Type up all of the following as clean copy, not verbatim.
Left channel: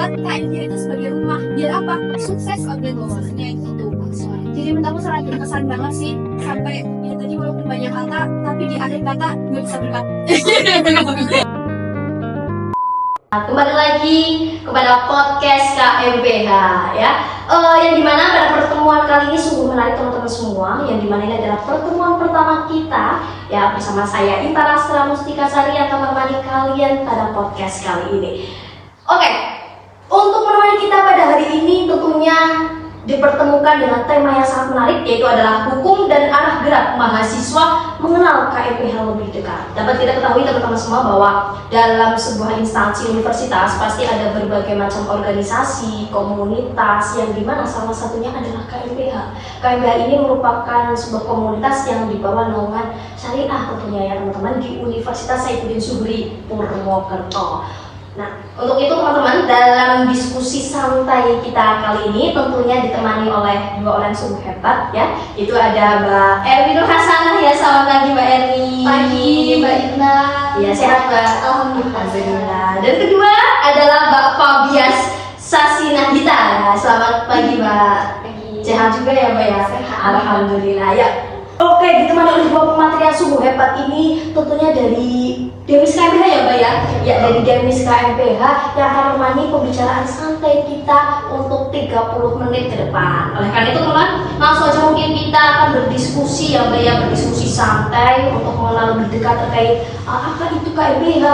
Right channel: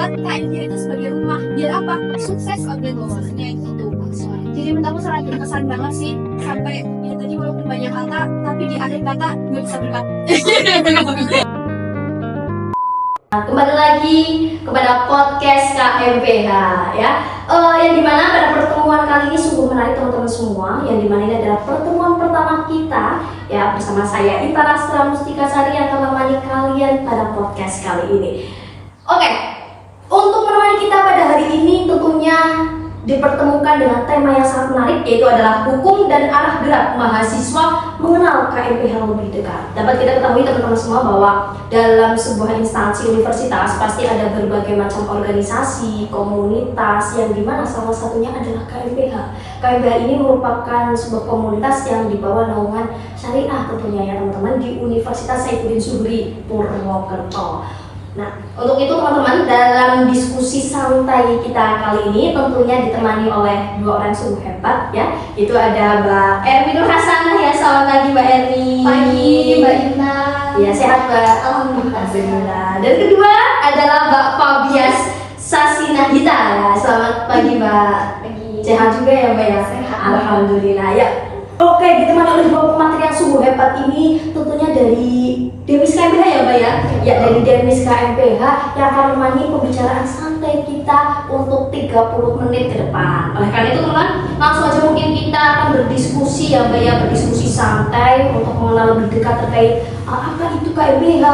buat KMBH itu sebagai rumah. Biar apa? Sukses organisasinya itu tuh. Jadi menurut aku sangat berkesan banget sih. Sampai ya tadi walaupun banyak kata, tapi di akhir kata gue bisa berkata. Kembali lagi kepada podcast KMBH ya, yang dimana pada pertemuan kali ini sungguh menarik teman-teman semua. Yang dimana ini adalah pertemuan pertama kita ya, bersama saya Ita Rastra Mustika Sari yang akan menemani kalian pada podcast kali ini. Oke, untuk menemani kita pada hari ini tentunya dipertemukan dengan tema yang sangat menarik, yaitu adalah hukum dan arah gerak mahasiswa mengenal KMBH lebih dekat. Dapat kita ketahui teman-teman semua bahwa dalam sebuah instansi universitas pasti ada berbagai macam organisasi, komunitas, yang dimana salah satunya adalah KMBH. KMBH ini merupakan sebuah komunitas yang dibawa naungan syariah tentunya ya teman-teman, di Universitas Saifuddin Zuhri Purwokerto. Nah, untuk itu teman-teman, dalam diskusi santai kita kali ini tentunya ditemani oleh dua orang sungguh hebat ya. Itu ada Mbak Erni Nur Hasanah ya. Selamat pagi Mbak Erni. Pagi Mbak Ina. Iya, sehat Mbak. Alhamdulillah. Dan kedua adalah Mbak Fabias Sasinahita. Selamat pagi Mbak. Pagi. Sehat juga ya Mbak ya. Sehat. Alhamdulillah ya. Oke, ditemani oleh dua pemateri yang sungguh hebat ini tentunya dari Demis KMBH ya Mbak ya. Ya, dari Demis KMBH yang akan menemani pembicaraan santai kita untuk 30 menit ke depan. Oleh karena itu teman-teman, langsung aja mungkin kita akan berdiskusi ya Mbak ya, berdiskusi santai untuk mengenal lebih dekat terkait apa itu KMBH,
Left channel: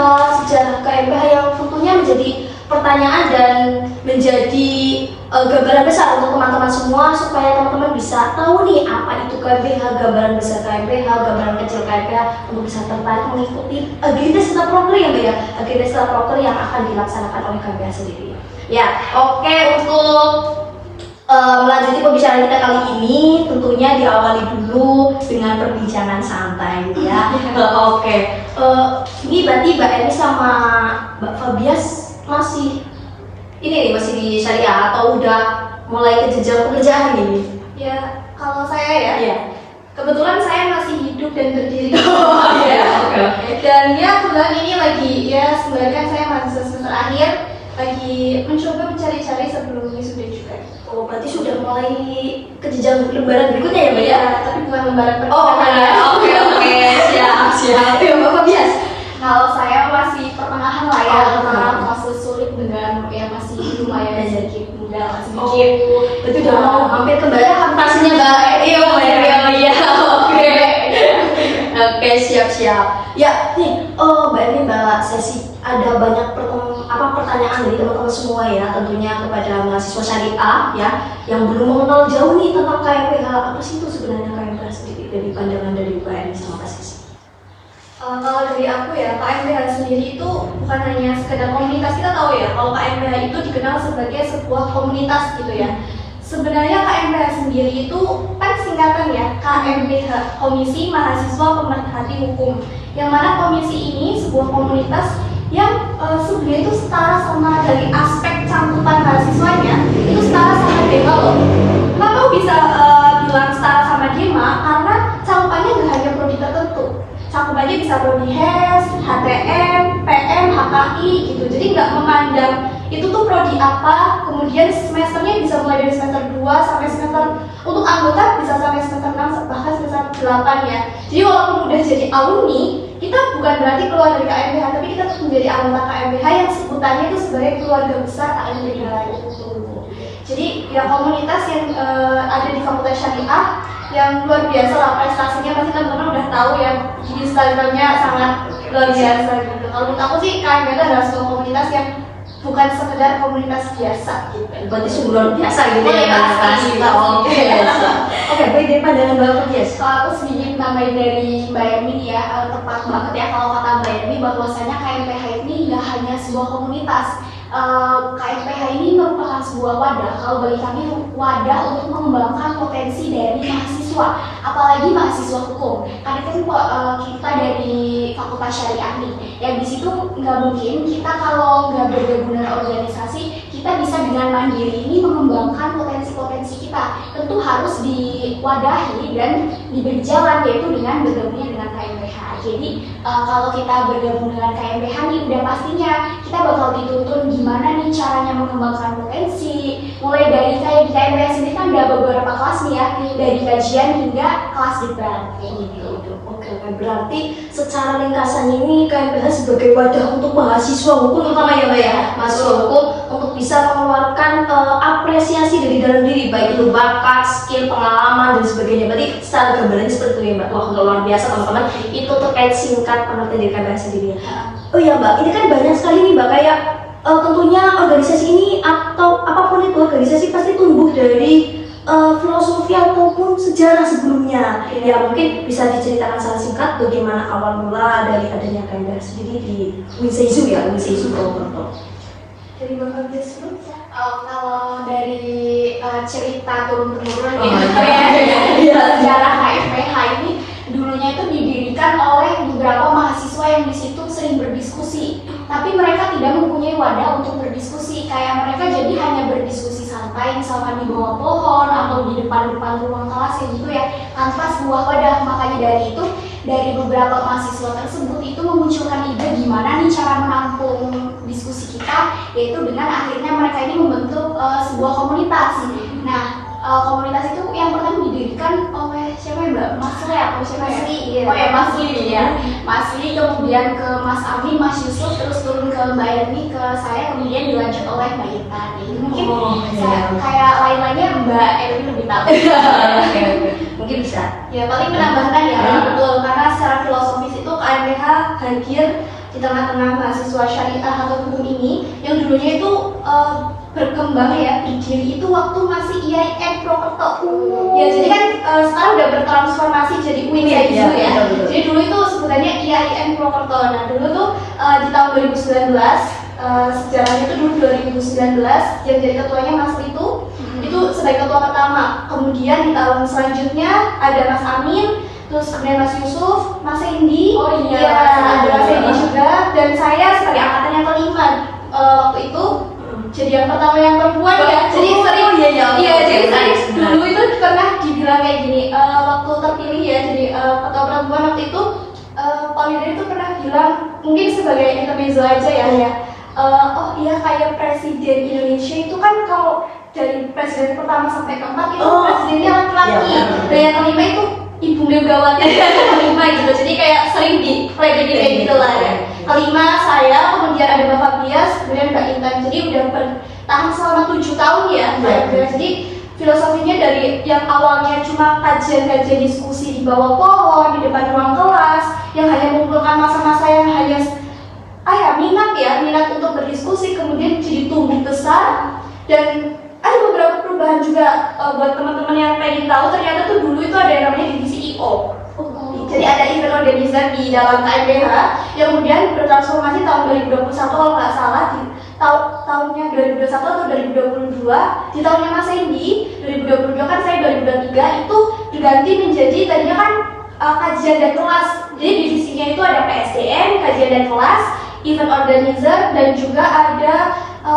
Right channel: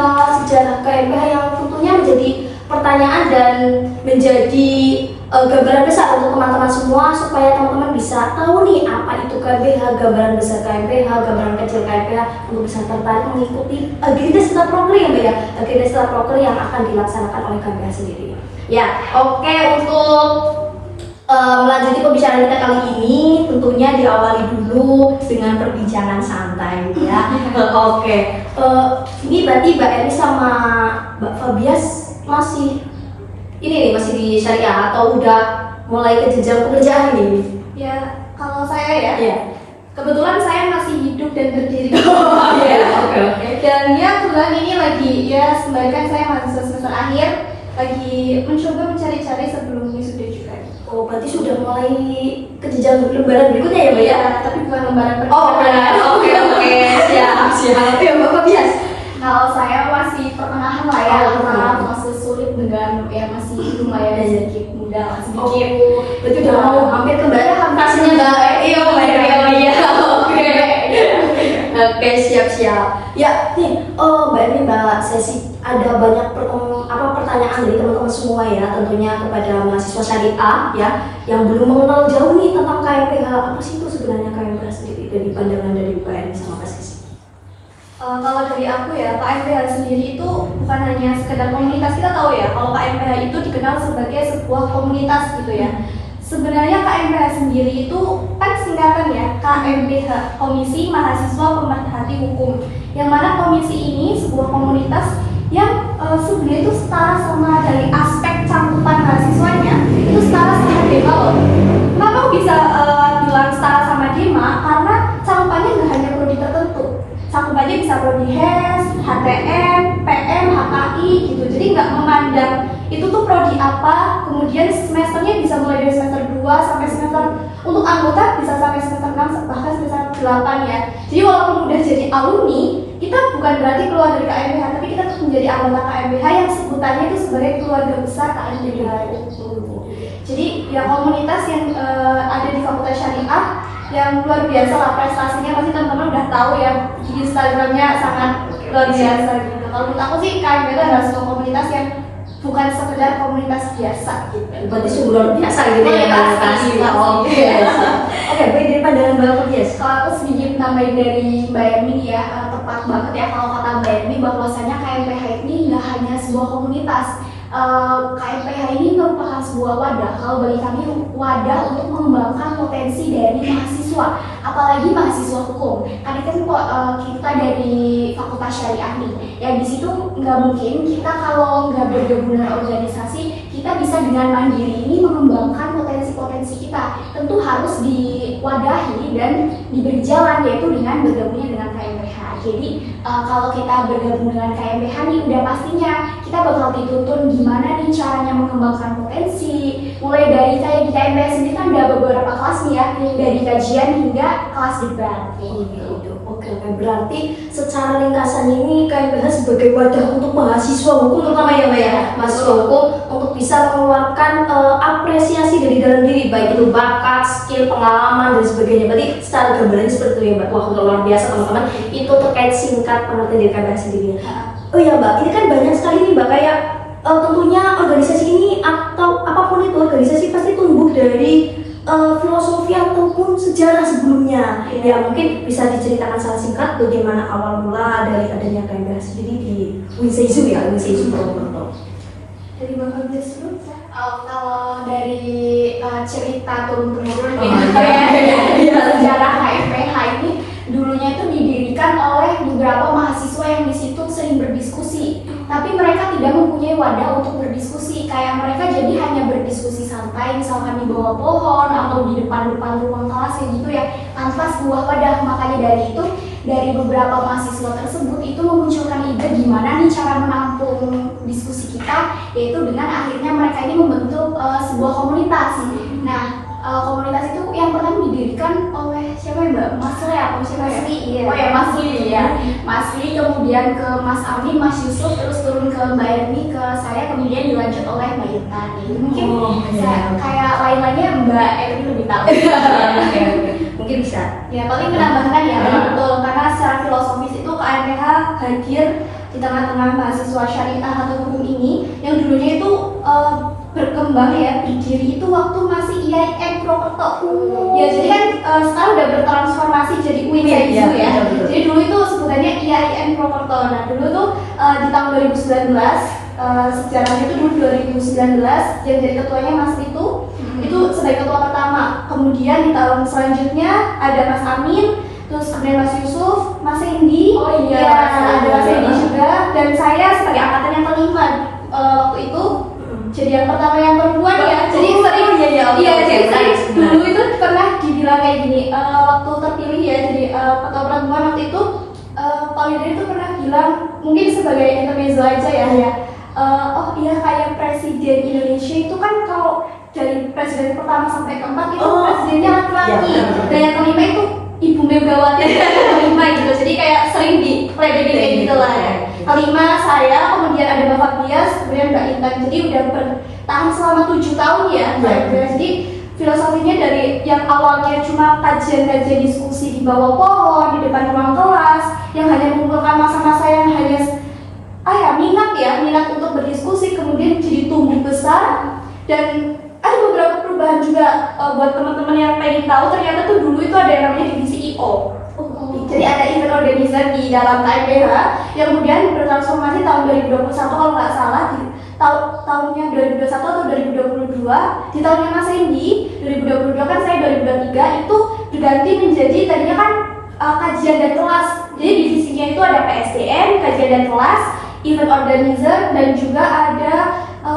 sejarah KMBH yang tentunya menjadi pertanyaan dan menjadi gambaran besar untuk teman-teman semua, supaya teman-teman bisa tahu nih apa itu KMBH, gambaran besar KMBH, gambaran kecil KMBH, untuk bisa tertarik mengikuti agenda setelah proker ya Mbak ya, agenda setelah proker yang akan dilaksanakan oleh KMBH sendiri. Ya, oke, untuk melanjuti pembicaraan kita kali ini tentunya diawali dulu dengan perbincangan santai ya. Oke, ini berarti Mbak Eni sama Mbak Fabias masih ini nih, masih di syariah atau udah mulai ke jenjang pekerjaan ini? Ya, kalau saya ya. Iya. Kebetulan saya masih hidup dan berdiri. Oke. Dan ya kebetulan ini lagi ya, sembari kan saya mahasiswa semester akhir, lagi mencoba mencari-cari sebelum wisuda juga. Oh, berarti sudah mulai ke jenjang lembaran berikutnya ya Mbak ya? Tapi bukan lembaran Oh, pertama. oke, siap. Ya Mbak Fabias. Kalau saya masih pertengahan lah ya, Oh, antara fase sulit dengan ya masih lumayan sedikit muda, sedikit. Berarti udah mau hampir kembali fasenya Mbak. Iya Mbak ya. Oke, siap. Ya, nih, Mbak ini Mbak Sesi, ada banyak pertanyaan dari teman-teman semua ya, tentunya kepada mahasiswa syariah ya, yang belum mengenal jauh nih tentang KMBH. Apa sih itu sebenarnya KMBH sendiri dari pandangan dari Mbak Eni sama Mbak Sesi? Kalau dari aku ya, KMBH sendiri itu bukan hanya sekedar komunitas. Kita tahu ya, kalau KMBH itu dikenal sebagai sebuah komunitas gitu ya. Sebenarnya KMBH sendiri itu kan singkatan ya, KMBH, Komisi Mahasiswa Pemerhati Hukum. Yang mana komisi ini sebuah komunitas yang sebenarnya itu setara sama dari aspek cakupan mahasiswanya, itu setara sama DEMA loh. Kenapa bisa bilang setara sama DEMA? Karena cakupannya nggak hanya prodi tertentu. Cakupannya bisa prodi HES, HTM, PM, HKI gitu. Jadi nggak memandang itu tuh prodi apa, kemudian semesternya bisa mulai dari semester 2 sampai semester, untuk anggota bisa sampai semester 6 bahkan semester 8 ya. Jadi walaupun udah jadi alumni, kita bukan berarti keluar dari KMBH, tapi kita tetap menjadi anggota KMBH yang sebutannya itu sebagai keluarga besar KMBH itu. Jadi ya komunitas yang ada di Fakultas Syariah yang luar biasa lah prestasinya, pasti teman-teman udah tahu ya, di Instagramnya sangat luar biasa gitu. Kalau menurut aku sih KMBH adalah sebuah komunitas yang bukan sekedar komunitas biasa gitu. Berarti sungguh luar biasa gitu ya Mbak Sesi. Oke, baik, dari pandangan Mbak Fabias. Kalau aku sedikit tambahin dari Mbak Emi ya, tepat banget ya kalau kata Mbak Emi bahwasanya KMBH ini nggak hanya sebuah komunitas. KMBH ini merupakan sebuah wadah, kalau bagi kami wadah untuk mengembangkan potensi dari mahasiswa mahasiswa, apalagi mahasiswa hukum. Kan itu kita dari Fakultas Syariah nih, ya di situ nggak mungkin kita kalau nggak bergabung dengan organisasi, kita bisa dengan mandiri ini mengembangkan potensi-potensi kita. Tentu harus diwadahi dan diberi jalan, yaitu dengan bergabungnya dengan KMPH. Jadi kalau kita bergabung dengan KMPH nih, udah pastinya kita bakal dituntun gimana nih caranya mengembangkan potensi. Mulai dari kayak di KMPH sendiri kan ada beberapa kelas nih ya, dari kajian hingga kelas debat. Gitu. Oke, berarti secara ringkasannya ini KMPH sebagai wadah untuk mahasiswa hukum terutama ya Mbak ya, mahasiswa hukum untuk bisa mengeluarkan apresiasi dari dalam diri, baik itu bakat, skill, pengalaman dan sebagainya. Berarti secara gambaran seperti itu ya Mbak. Wah, luar biasa teman-teman. Itu terkait singkat pengertian dari KMPH sendiri. Oh iya Mbak, ini kan banyak sekali nih Mbak, kayak tentunya organisasi ini atau apapun itu organisasi pasti tumbuh dari filosofi ataupun sejarah sebelumnya. Ya mungkin bisa diceritakan secara singkat bagaimana awal mula dari adanya KMPH sendiri di Winseizu ya, Winseizu Purwokerto. Dari Bapak Wisnu, kalau dari cerita turun-temurun sejarah KMPH ini dulunya itu didirikan oleh beberapa mahasiswa yang di situ sering berdiskusi, tapi mereka tidak mempunyai wadah untuk berdiskusi. Kayak mereka jadi hanya berdiskusi santai, misalkan di bawah pohon atau di depan-depan ruang kelas gitu ya, tanpa sebuah wadah. Makanya dari itu, dari beberapa mahasiswa tersebut itu memunculkan ide gimana nih cara menampung diskusi kita, yaitu dengan akhirnya mereka ini membentuk sebuah komunitas. Nah, komunitas itu yang pertama didirikan oleh siapa ya Mbak? Mas Ri atau siapa ya? Iya. Oh ya Mas Ri ya. Mas Ri, kemudian ke Mas Amin, Mas Yusuf, terus turun ke Mbak Yani, ke saya, kemudian dilanjut oleh Mbak Yenta. Mungkin kayak lain-lainnya Mbak Eli lebih tahu. Mungkin bisa. Ya paling menambahkan ya, betul, karena secara filosofis itu KMPH hadir di tengah-tengah mahasiswa syariah atau hukum ini yang dulunya itu berkembang ya, berdiri itu waktu masih IAIN Purwokerto. Ya jadi kan sekarang udah bertransformasi jadi Winseizu ya. Jadi dulu itu sebutannya IAIN Purwokerto. Nah dulu tuh di tahun 2019 sejarahnya itu dulu 2019 yang jadi ketuanya Mas itu sebagai ketua pertama. Kemudian di tahun selanjutnya ada Mas Amin, terus kemudian Mas Yusuf, Mas Hendy, ada Mas Hendy juga, dan saya sebagai angkatan yang kelima waktu itu. Jadi yang pertama yang perempuan ya. Jadi sering jadi sering dulu itu pernah dibilang kayak gini, waktu terpilih ya jadi ketua perempuan waktu itu Pak Widri itu pernah bilang, mungkin sebagai intermezzo aja ya, oh iya kayak presiden Indonesia itu kan kalau dari presiden pertama sampai keempat itu presidennya laki-laki, dan yang kelima itu Ibu Megawati yang kelima gitu. Jadi kayak sering diledekin kayak gitu lah ya. Kelima saya, kemudian ada Bapak Bias, kemudian Mbak Intan. Jadi udah bertahan selama 7 tahun ya. Jadi filosofinya dari yang awalnya cuma kajian-kajian diskusi di bawah pohon, di depan ruang kelas, yang hanya mengumpulkan masa-masa yang hanya minat untuk berdiskusi, kemudian jadi tumbuh besar. Dan ada beberapa perubahan juga buat teman-teman yang pengen tahu, ternyata tuh dulu itu ada yang namanya divisi IO. Jadi ada event organizer di dalam KMPH yang kemudian bertransformasi tahun 2021 kalau nggak salah, di tahunnya 2021 atau 2022, di tahunnya Mas Hendy 2022 kan, saya 2023 itu diganti menjadi tadinya kan kajian dan kelas. Jadi divisinya itu ada PSDM, kajian dan kelas, event organizer, dan juga ada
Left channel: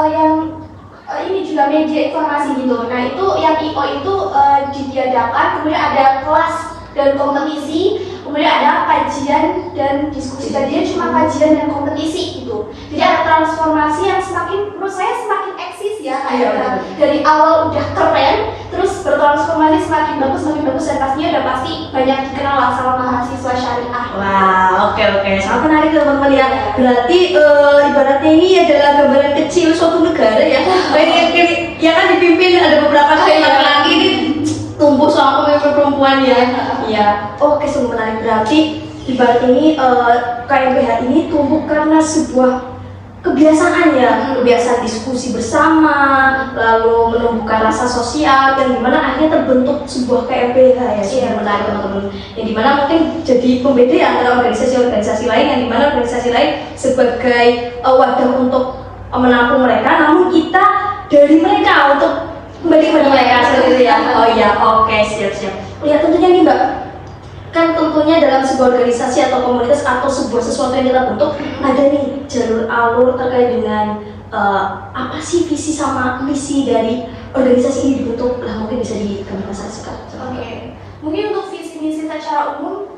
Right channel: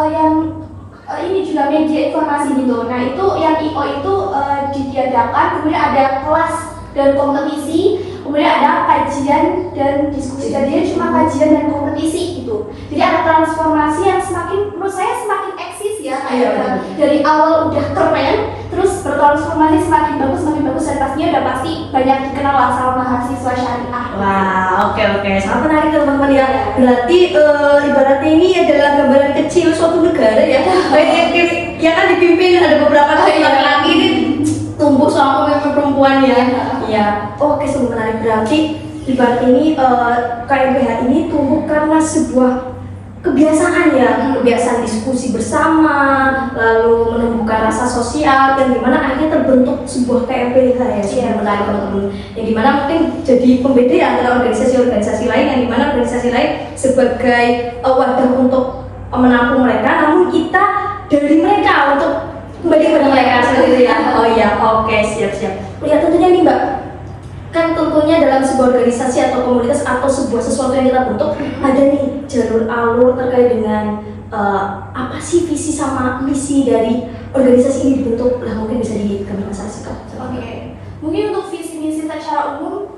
yang ini juga media informasi gitu. Nah itu yang IO itu ditiadakan, kemudian ada kelas dan kompetisi, kemudian ada kajian dan diskusi. Tadinya cuma kajian dan kompetisi gitu. Jadi ada transformasi yang semakin, menurut saya semakin eksis ya, kayak dari awal udah keren, terus bertransformasi semakin bagus, dan pastinya udah pasti banyak dikenal lah sama mahasiswa syariah. Wah, oke, sangat menarik teman-teman ya. Berarti ibaratnya ini adalah gambaran kecil suatu negara ya. Ya kan dipimpin ada beberapa laki-laki ini tumbuh sama pemimpin perempuan ya. Iya. Oke, sungguh menarik. Berarti ibarat ini KMPH ini tumbuh karena sebuah kebiasaan ya, kebiasaan diskusi bersama, lalu menumbuhkan rasa sosial, yang dimana akhirnya terbentuk sebuah KMPH ya. Sungguh menarik teman-teman. Yang dimana mungkin jadi pembeda ya antara organisasi-organisasi lain, yang dimana organisasi lain sebagai wadah untuk menampung mereka, namun kita dari mereka untuk kembali kepada mereka sendiri ya. Oh iya, oke, siap. Ya tentunya nih Mbak, kan tentunya dalam sebuah organisasi atau komunitas atau sebuah sesuatu yang kita bentuk ada nih jalur alur terkait dengan apa sih visi sama misi dari organisasi ini dibentuk. Lah mungkin bisa dikembangkan secara singkat. Oke, mungkin untuk visi misi secara umum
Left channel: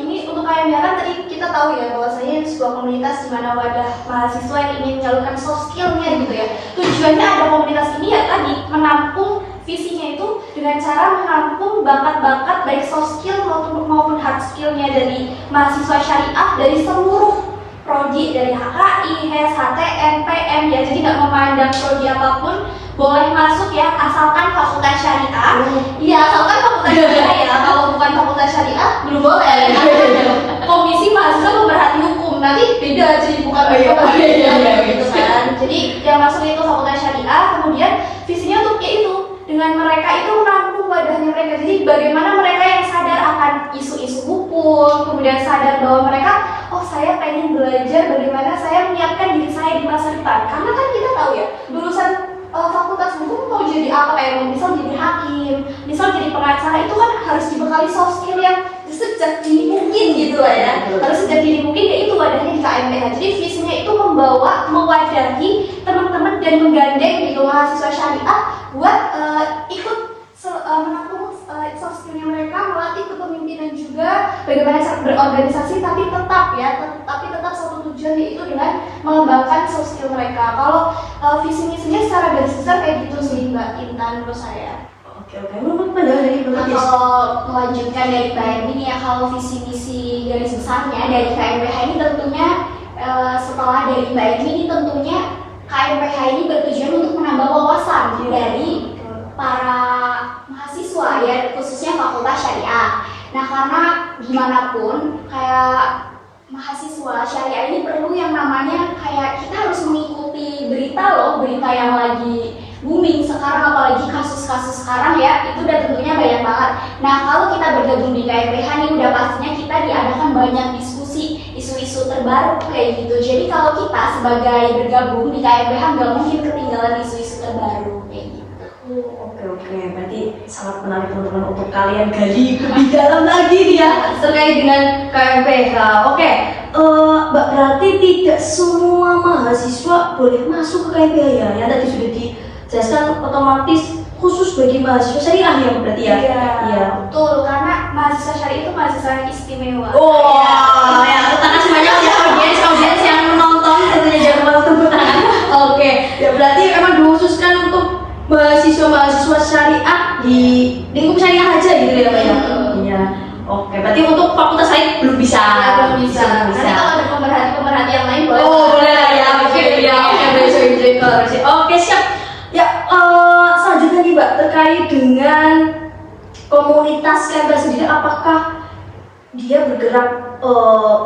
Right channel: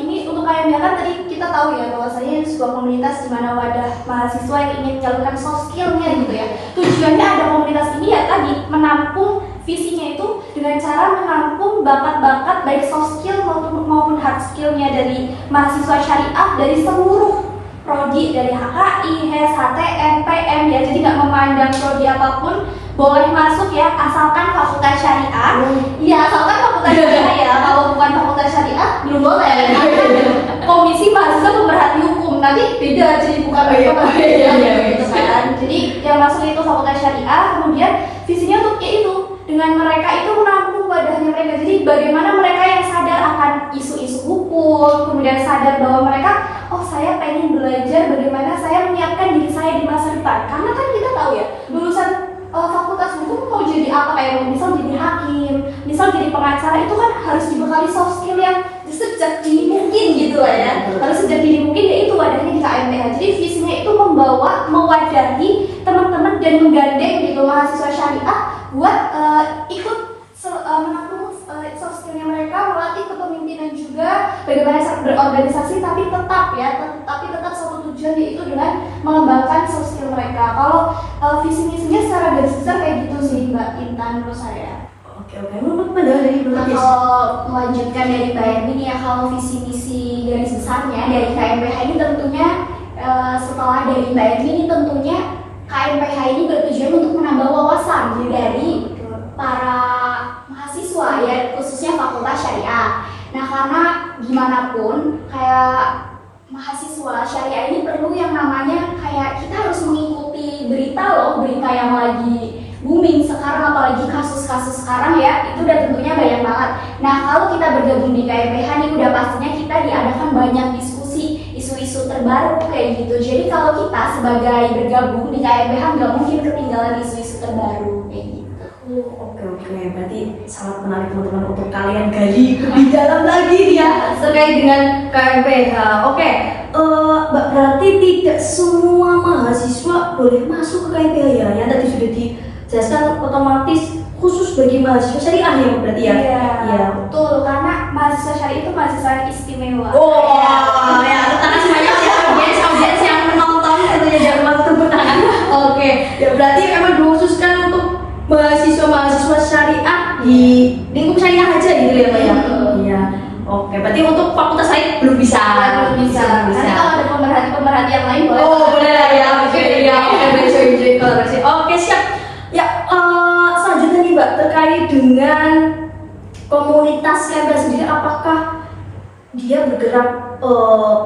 ini untuk KMBH kan tadi kita tahu ya bahwasanya sebuah komunitas di mana wadah mahasiswa yang ingin menyalurkan soft skill-nya gitu ya. Tujuannya ada komunitas ini ya tadi menampung visinya itu dengan cara menampung bakat-bakat baik soft skill maupun hard skill-nya dari mahasiswa syariah dari seluruh prodi, dari HKI, HES, HTN, PM ya. Jadi nggak memandang prodi apapun boleh masuk ya, asalkan fakultas syariah. Iya, asalkan fakultas syariah ya. Kalau bukan fakultas syariah belum boleh. Komisi mahasiswa pemerhati hukum nanti beda, jadi bukan gitu kan. Jadi yang masuk itu fakultas syariah, kemudian visinya untuk itu dengan mereka itu menampung wadahnya mereka. Jadi bagaimana mereka yang sadar akan isu-isu hukum, kemudian sadar bahwa mereka, oh saya pengen belajar bagaimana saya menyiapkan diri saya di masa depan. Karena kan kita tahu ya, lulusan fakultas hukum mau jadi apa, kayak misal jadi hakim, misal jadi pengacara, itu kan harus dibekali soft skill yang sejak dini mungkin gitu lah ya. Harus sejak dini mungkin, dan itu wadahnya di KMBH. Jadi visinya itu membawa, mewadahi teman-teman dan menggandeng gitu mahasiswa syariah buat ikut menampung soft skillnya mereka, melatih kepemimpinan juga, bagaimana cara berorganisasi, tapi tetap satu tujuan, yaitu dengan mengembangkan soft skill mereka. Kalau visi misinya secara garis besar kayak gitu sih Mbak Intan menurut saya. Oke, menurut pandangan dari Mbak Tis? Kalau melanjutkan dari Mbak ini ya, kalau visi misi garis besarnya dari KMBH ini tentunya setelah dari Mbak ini tentunya KMBH ini bertujuan untuk menambah wawasan dari para mahasiswa ya, khususnya fakultas syariah. Nah, karena gimana pun kayak mahasiswa syariah ini perlu yang namanya kayak kita harus mengikuti berita yang lagi booming sekarang, apalagi kasus-kasus sekarang ya, itu udah tentunya banyak banget. Nah, kalau kita bergabung di KMBH ini udah pastinya kita diadakan banyak diskusi isu-isu terbaru kayak gitu. Jadi kalau kita sebagai bergabung di KMBH nggak mungkin ketinggalan isu-isu terbaru kayak gitu. Oke, berarti sangat menarik teman-teman untuk kalian gali lebih dalam lagi nih ya terkait dengan KMBH. Oke, Mbak, berarti tidak semua mahasiswa boleh masuk ke KMBH ya? Yang tadi sudah dijelaskan otomatis khusus bagi mahasiswa syariah ya berarti ya? Iya, betul, karena mahasiswa syariah itu mahasiswa yang istimewa. Ya, terima kasih banyak ya audiens yang menonton, tentunya jangan lupa tepuk tangan. Oke, ya berarti emang dikhususkan untuk mahasiswa syariah di lingkup syariah aja gitu ya Mbak ya? Iya. Oke, berarti untuk fakultas lain belum bisa. Nanti kalau ada pemerhati yang lain boleh. Oh, boleh lah ya. Oke, siap. Ya, selanjutnya nih Mbak, terkait dengan komunitas KMBH sendiri, apakah dia bergerak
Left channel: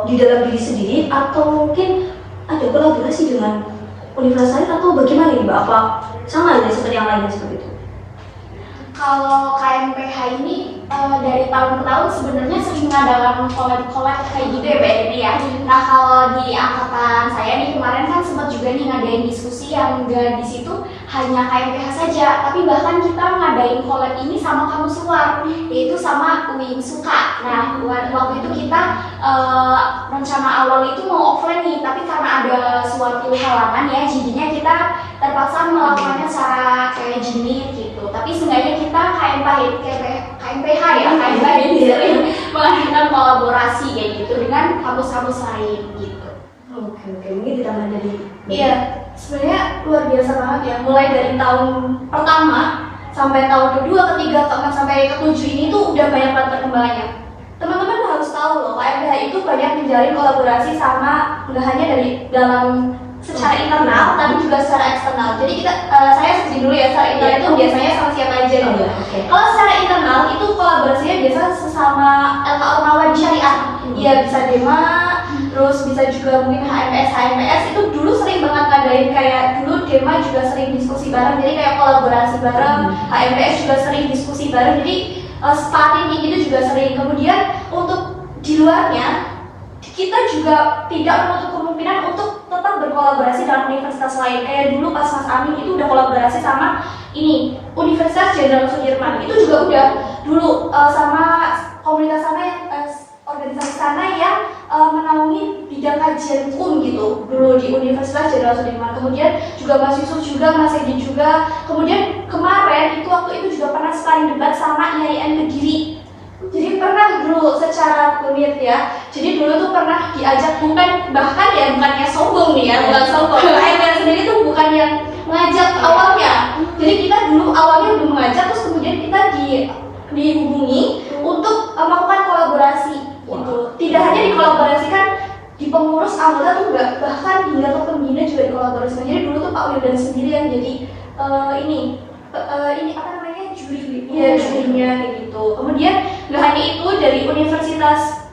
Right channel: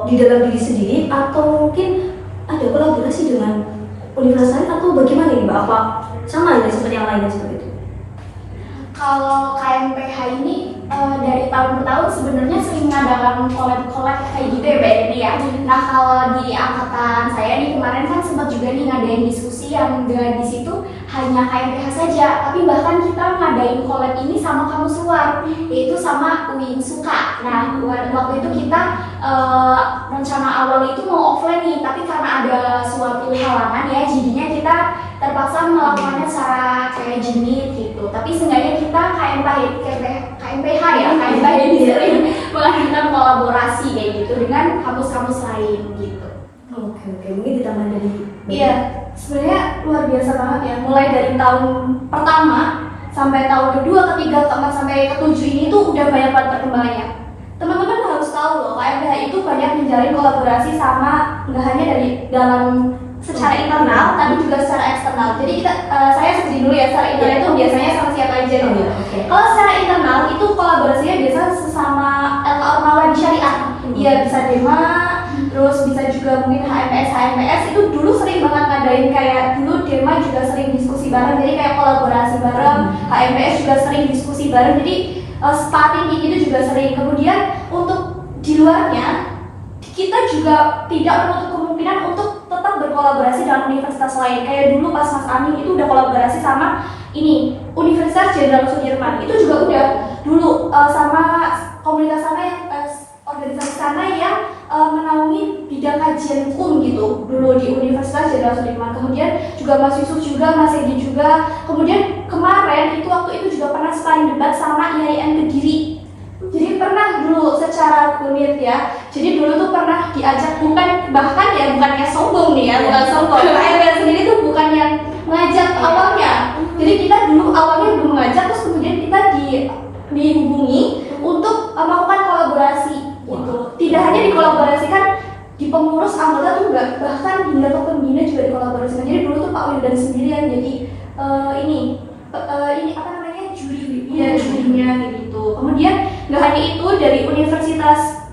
di dalam diri sendiri atau mungkin ada kolaborasi dengan universitas lain atau bagaimana nih Mbak? Apa sama ya seperti yang lainnya seperti itu? Kalau KMPH ini dari tahun ke tahun sebenarnya sering mengadakan collab kayak gitu ya Mbak Edi ya. Nah, kalau di angkatan saya nih kemarin kan sempat juga nih ngadain diskusi yang enggak di situ hanya KMPH saja, tapi bahkan kita ngadain collab ini sama kampus luar, yaitu sama UIN Suka. Nah, waktu itu kita rencana awal itu mau offline nih, tapi karena ada suatu halangan ya, jadinya kita terpaksa melakukannya secara kayak jenis gitu. Tapi seenggaknya kita KMPH ini sering melakukan kolaborasi kayak gitu dengan kampus-kampus lain gitu. Oke, mungkin ditambah dari Iya, sebenarnya luar biasa banget ya. Mulai dari tahun pertama sampai tahun kedua, ketiga, keempat sampai ketujuh ini tuh udah banyak banget perkembangannya. Teman-teman harus tahu loh, KMPH itu banyak menjalin kolaborasi sama nggak hanya dari dalam secara internal, tapi juga secara eksternal. Jadi saya setuju dulu ya, secara internal itu biasanya sama siapa aja dulu. Kalau secara internal itu kolaborasinya biasa sesama LK Ormawa di Syariah. Iya, bisa Dema, terus bisa juga mungkin HMPS itu dulu sering banget ngadain kayak dulu Dema juga sering diskusi bareng, jadi kayak kolaborasi bareng. HMPS juga sering diskusi bareng, jadi starting itu juga sering. Kemudian untuk di luarnya kita juga tidak menutup kemungkinan untuk tetap berkolaborasi dengan universitas lain. Kayak dulu pas Mas Amin itu udah kolaborasi sama ini Universitas Jenderal Sudirman itu juga udah dulu sama komunitas sana yang organisasi sana yang menaungi bidang kajian hukum gitu dulu di Universitas Jenderal Sudirman. Kemudian juga Mas Yusuf juga, Mas Edi juga. Kemudian kemarin itu waktu itu juga pernah sparring debat sama IAIN Kediri. Jadi pernah dulu secara kulit ya. Jadi dulu tuh pernah diajak bukannya sombong nih ya, bukan sombong. IAIN sendiri tuh bukan yang mengajak awalnya. Jadi kita dulu awalnya belum mengajak, terus kemudian kita dihubungi untuk melakukan kolaborasi gitu. Tidak hanya dikolaborasikan di pengurus anggota tuh enggak, bahkan di level pembina juga dikolaborasikan. Jadi dulu tuh Pak Wildan sendiri yang jadi ini apa namanya jurinya gitu. Kemudian nggak hanya itu, dari Universitas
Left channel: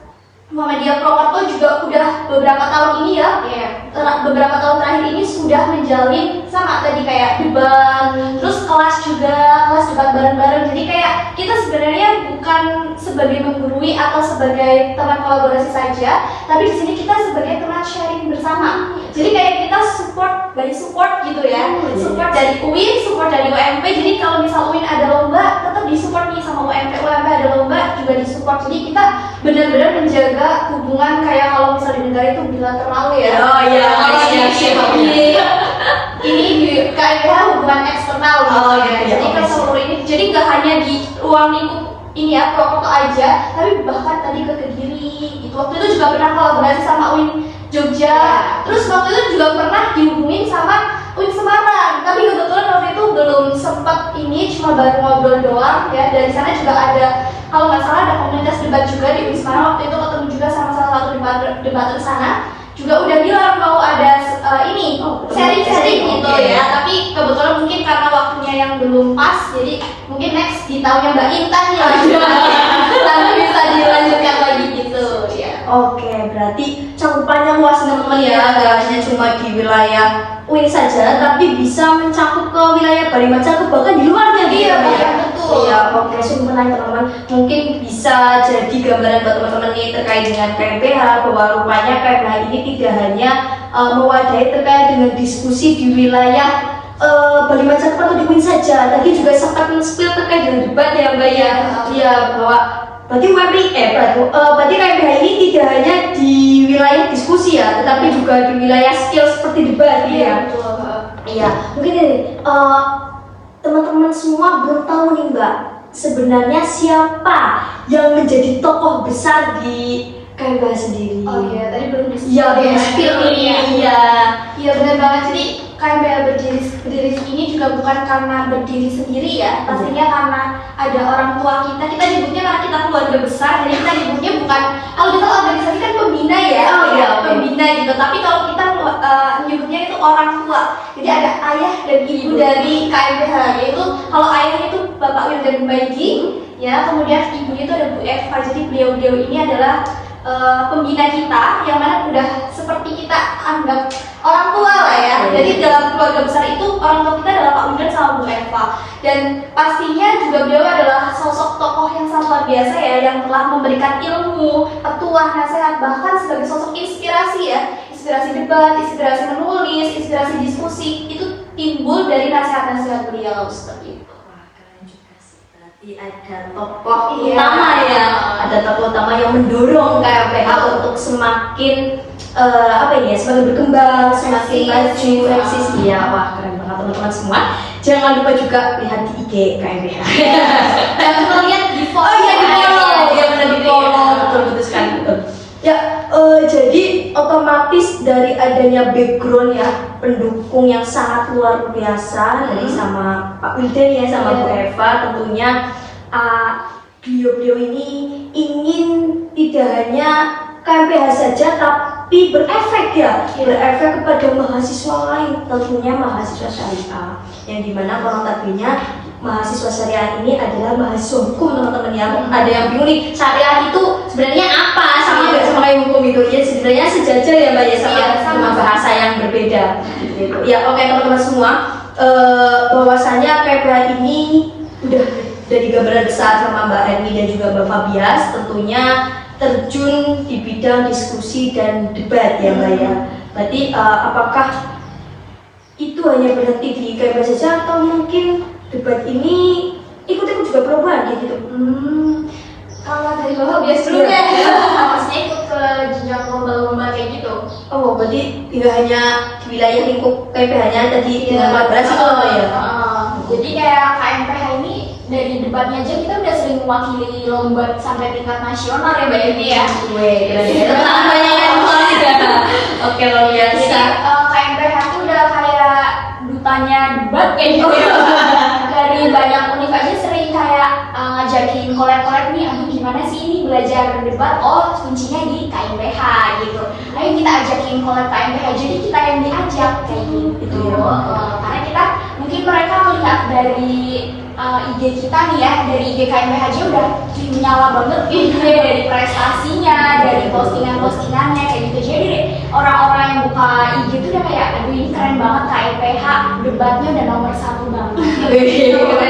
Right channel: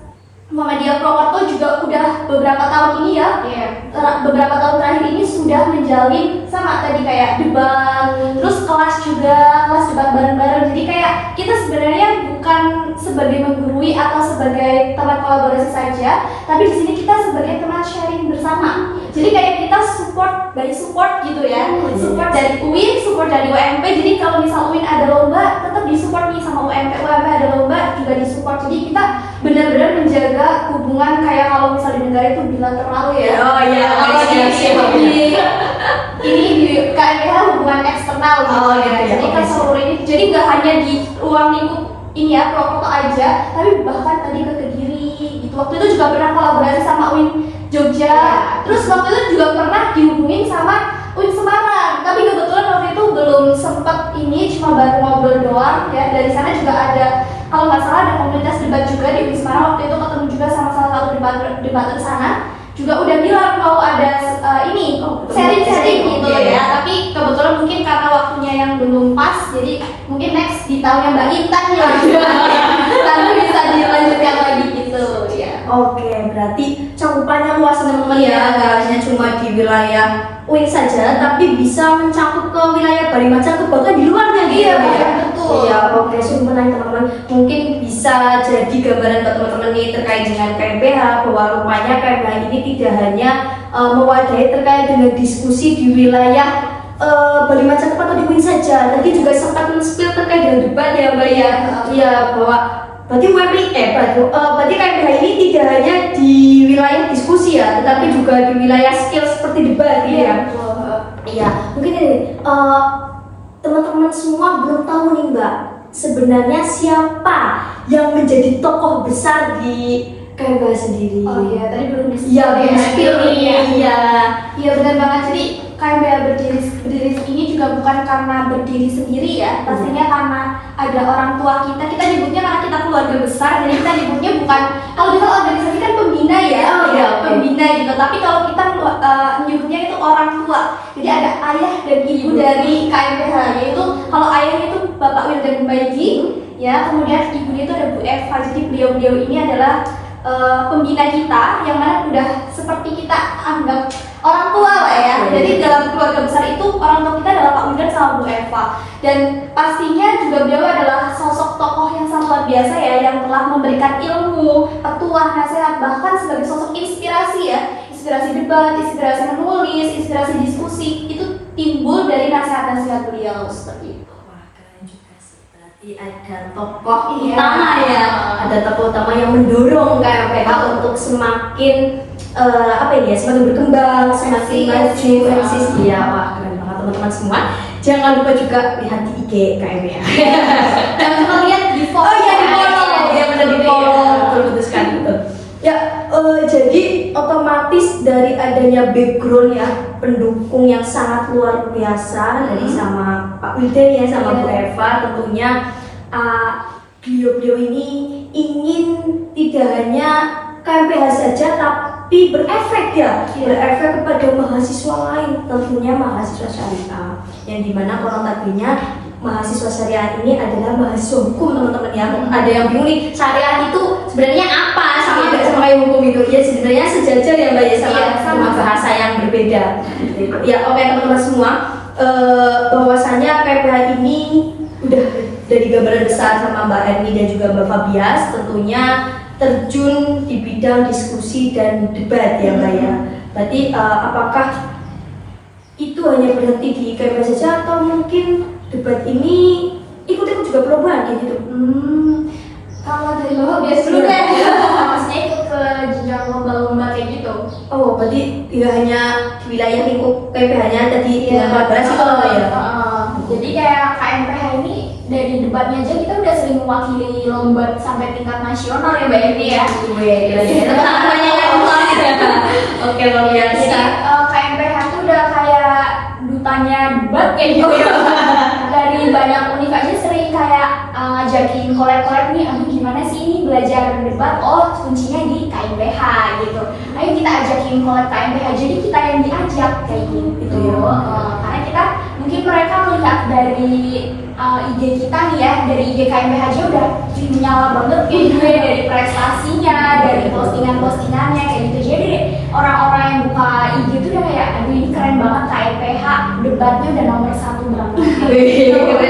Muhammadiyah Purwokerto juga udah beberapa tahun ini ya, beberapa tahun terakhir ini sudah menjalin sama tadi kayak debat, terus kelas debat bareng-bareng. Jadi kayak kita sebenarnya bukan sebagai menggurui atau sebagai teman kolaborasi saja, tapi di sini kita sebagai teman sharing bersama. Jadi kayak kita support gitu ya, support dari UIN, support dari UMP. Jadi kalau misal UIN ada lomba, tetap disupport nih sama UMP ada lomba juga disupport. Jadi kita benar-benar menjaga hubungan kayak kalau misal di negara itu bilateral ya. Oh iya, ini di KMPH hubungan eksternal gitu. Jadi kan seluruh ini, jadi nggak hanya di ruang lingkup ini ya Purwokerto aja, tapi bahkan tadi ke Kediri gitu. Waktu itu juga pernah kolaborasi sama UIN Jogja. Terus waktu itu juga pernah dihubungin sama UIN Semarang. Tapi kebetulan waktu itu belum sempat ini, cuma baru ngobrol doang ya. Dari sana juga ada, kalau nggak salah ada komunitas debat juga di UIN Semarang. Waktu itu ketemu juga sama salah satu debater sana. Juga udah bilang mau ada ini sharing gitu ya. Tapi kebetulan mungkin karena waktunya yang belum pas, jadi mungkin next di tahunnya Mbak Intan ya. Lalu bisa dilanjutkan lagi gitu ya. Oke, berarti cakupannya luas teman-teman ya, nggak hanya cuma di wilayah UIN saja, tapi bisa mencakup ke wilayah Bali Macakup, bahkan di luarnya gitu Iya, ya. betul. Iya, oke, sungguh menarik teman-teman. Mungkin bisa jadi gambaran buat teman-teman nih terkait dengan KMPH, bahwa rupanya KMPH ini tidak hanya mewadahi terkait dengan diskusi di wilayah Bali Macakup atau di UIN saja. Tadi juga sempat men-spill terkait dengan debat ya Mbak ya. Iya, bahwa berarti berarti KMPH ini tidak hanya di wilayah diskusi ya, tetapi juga di wilayah skill seperti debat ya. Iya, mungkin ini teman-teman semua belum tahu nih Mbak, sebenarnya siapa yang menjadi tokoh besar di KMPH sendiri? Oh iya, tadi belum Iya, belum spill ini. Iya benar banget. Jadi KMPH berdiri ini juga bukan karena berdiri sendiri ya. Pastinya karena ada orang tua kita. Kita nyebutnya karena kita keluarga besar. Jadi kita nyebutnya bukan, kalau kita organisasi kan pembina ya. Oh iya, pembina gitu. Tapi kalau kita nyebutnya itu orang tua. Jadi ada ayah dan ibu dari KMPH. Yaitu kalau ayahnya itu Bapak Wildan Baigi, ya. Kemudian ibunya itu ada Bu Eva. Jadi beliau ini adalah pembina kita, yang mana udah seperti kita anggap orang tua lah ya. Jadi dalam keluarga besar itu orang tua kita adalah Pak Wildan sama Bu Eva. Dan pastinya juga beliau adalah sosok tokoh yang sangat luar biasa ya, yang telah memberikan ilmu, petuah, nasihat, bahkan sebagai sosok inspirasi ya. Inspirasi debat, inspirasi menulis, inspirasi diskusi, itu timbul dari nasihat-nasihat beliau seperti itu. Ada tokoh utama ya, ada tokoh utama yang mendorong KMPH untuk semakin semakin berkembang, semakin maju, eksis. Iya, wah keren banget teman-teman semua. Jangan lupa juga lihat di IG KMPH. Dan juga lihat di follow. Di follow, betul sekali betul. Ya, jadi otomatis dari adanya background ya, pendukung yang sangat luar biasa dari sama Pak Wildan ya, sama Bu Eva, tentunya beliau-beliau ini ingin tidak hanya KMPH saja, tapi berefek ya, berefek kepada mahasiswa lain, tentunya mahasiswa syariah, yang dimana konotapinya mahasiswa syariah ini adalah mahasiswa hukum teman-teman ya. Ada yang bingung nih, syariah itu sebenarnya apa, sama nggak sama kayak hukum itu? Ya sebenarnya sejajar ya Mbak ya, sama bahasa yang berbeda. Ya oke teman-teman semua, bahwasanya KMPH ini udah dari gambaran besar sama Mbak Erni dan juga Mbak Fabias, tentunya terjun di bidang diskusi dan debat ya Mbak ya. Berarti apakah itu hanya berhenti di KMPH saja atau mungkin debat ini ikut-ikut juga perubahan kayak gitu. Kalau dari bawah biasa dulu kan. Maksudnya ikut ke jenjang lomba-lomba kayak gitu. Oh, berarti tidak hanya di wilayah lingkup PPH-nya tadi dengan kolaborasi kalau ya. Jadi kayak KMPH ini dari debatnya aja kita udah sering mewakili lomba sampai tingkat nasional ya Mbak Yenti ya. Oke, luar biasa. Jadi KMPH itu udah kayak dutanya debat kayak gitu ya. Dari banyak univ aja sering kayak ngajakin kolek-kolek nih, aduh gimana sih ini belajar debat, oh kuncinya di KMPH gitu. Ayo kita ajakin kolek KMPH, jadi kita yang diajak kayak gitu. Karena kita mungkin mereka melihat dari IG kita nih ya, dari IG KMPH aja udah menyala banget gitu ya, dari prestasinya, dari postingan-postingannya kayak gitu. Jadi orang-orang yang buka IG itu udah kayak, aduh ini keren banget KMPH, debatnya udah nomor 1 banget.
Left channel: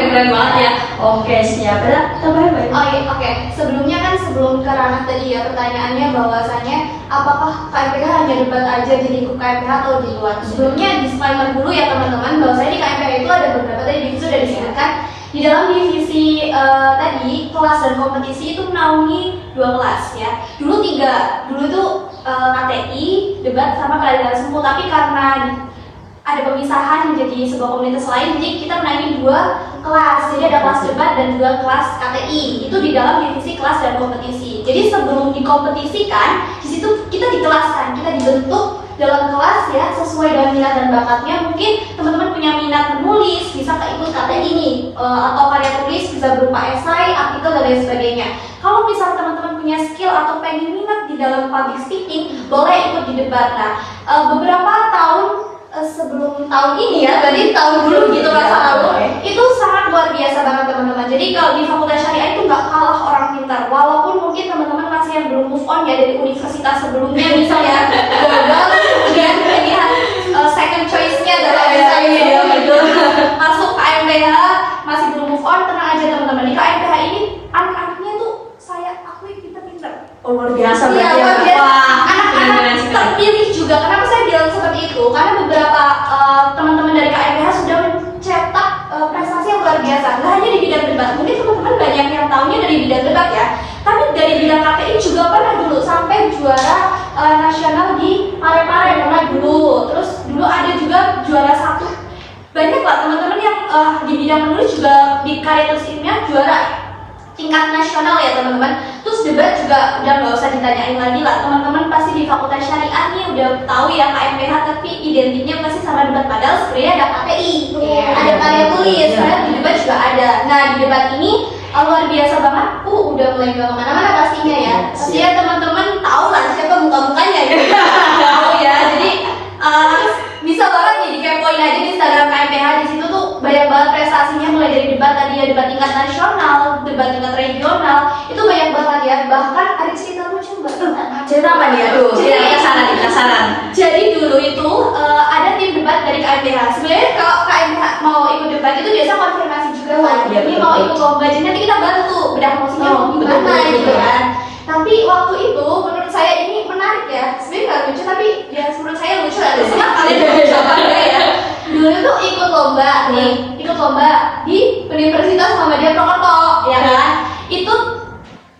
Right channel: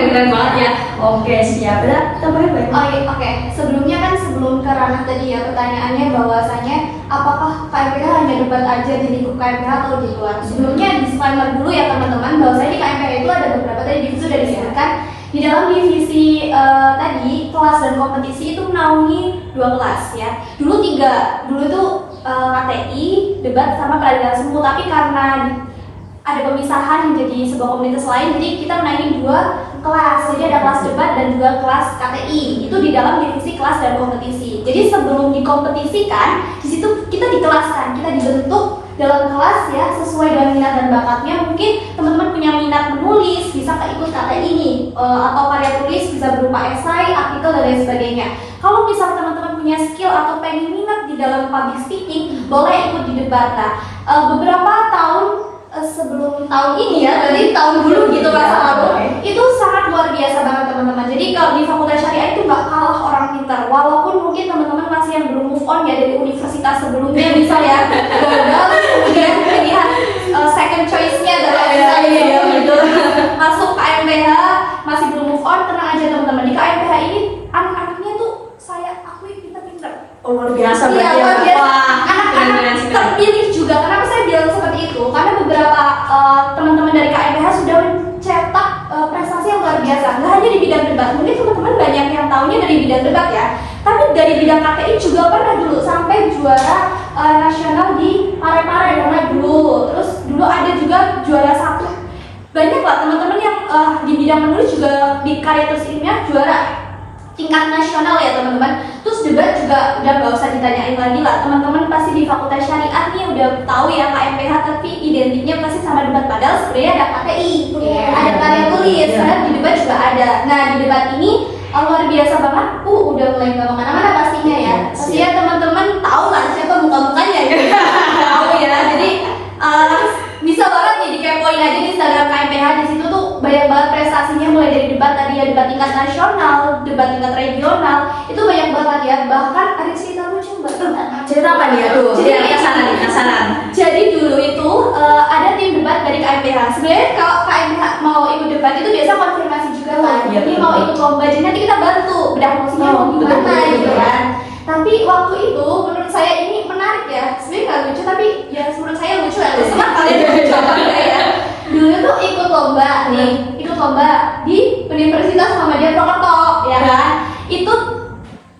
Keren banget ya. Oke, siap. Udah tambahin Mbak. Oh iya, oke. Sebelumnya kan sebelum ke ranah tadi ya pertanyaannya bahwasannya apakah KMPH hanya debat aja di lingkup KMPH atau di luar? Sebelumnya disclaimer dulu ya teman-teman bahwasanya di KMPH itu ada beberapa tadi divisi sudah disebutkan. Di dalam divisi tadi kelas dan kompetisi itu menaungi 2 kelas ya. Dulu 3, dulu tuh KTI, debat sama keadilan semu, tapi karena ada pemisahan menjadi sebuah komunitas lain, jadi kita menaungi 2 kelas. Jadi ada kelas debat dan 2 kelas KTI. Itu di dalam divisi kelas dan kompetisi. Jadi sebelum dikompetisikan, di situ kita dikelaskan, kita dibentuk dalam kelas ya sesuai dengan minat dan bakatnya. Mungkin teman-teman punya minat menulis, bisa ikut KTI ini atau karya tulis bisa berupa esai, artikel dan lain sebagainya. Kalau misalnya teman-teman punya skill atau pengen minat di dalam public speaking, boleh ikut di debat. Nah, beberapa tahun sebelum tahun ini ya, berarti tahun dulu gitu kelas lalu, itu sangat luar biasa banget teman-teman. Jadi kalau di Fakultas Syariah itu nggak kalah orang pintar, walaupun mungkin teman-teman masih yang belum move on ya dari universitas sebelumnya misalnya, dan pilihan second choice-nya dari masuk KMPH masih belum move on, tenang aja teman-teman. Di KMPH ini anak-anaknya tuh saya akui pintar-pintar. Oh, luar biasa Iya, berarti ya. luar biasa. Wah, Anak-anak terpilih juga. Kenapa saya bilang seperti itu? Karena beberapa teman-teman dari KMPH sudah mencetak prestasi yang luar biasa. Nggak hanya di bidang debat. Mungkin teman-teman banyak yang tahunya dari bidang debat ya. Tapi dari bidang KTI juga pernah dulu sampai juara nasional di Parepare pernah dulu. Terus dulu ada juga juara 1. Banyak lah teman-teman yang di bidang menulis juga di karya tulis ilmiah juara tingkat nasional ya teman-teman. Terus debat juga udah nggak usah ditanyain lagi lah, teman-teman pasti di Fakultas Syariah nih udah tahu ya KMPH, tapi identiknya pasti sama debat, padahal sebenarnya ada KTI, ada karya tulis, karena di debat juga ada. Nah di debat ini luar biasa banget, udah mulai nggak kemana-mana pastinya ya. Pastinya teman-teman tahu lah siapa muka-mukanya ya. Ya jadi bisa banget nih dikepoin aja di Instagram KMPH, di situ tuh banyak banget prestasinya, mulai dari debat tadi ya, debat tingkat nasional, debat tingkat regional, itu banyak banget ya. Bahkan ada cerita lucu mbak. cerita apa nih? Aduh, kesanan. Jadi dulu itu ada tim debat dari KMPH. Sebenarnya kalau KMPH mau ikut debat itu biasa konfirmasi juga lah. Ini mau ikut lomba, jadi nanti kita bantu bedah promosinya mau gimana gitu kan. Tapi waktu itu menurut saya ini menarik ya. Sebenarnya nggak lucu tapi ya menurut saya lucu ya. Senang kalian mencoba ya. Dulu tuh ikut lomba nih, ikut lomba di Universitas Muhammadiyah Purwokerto ya kan. Itu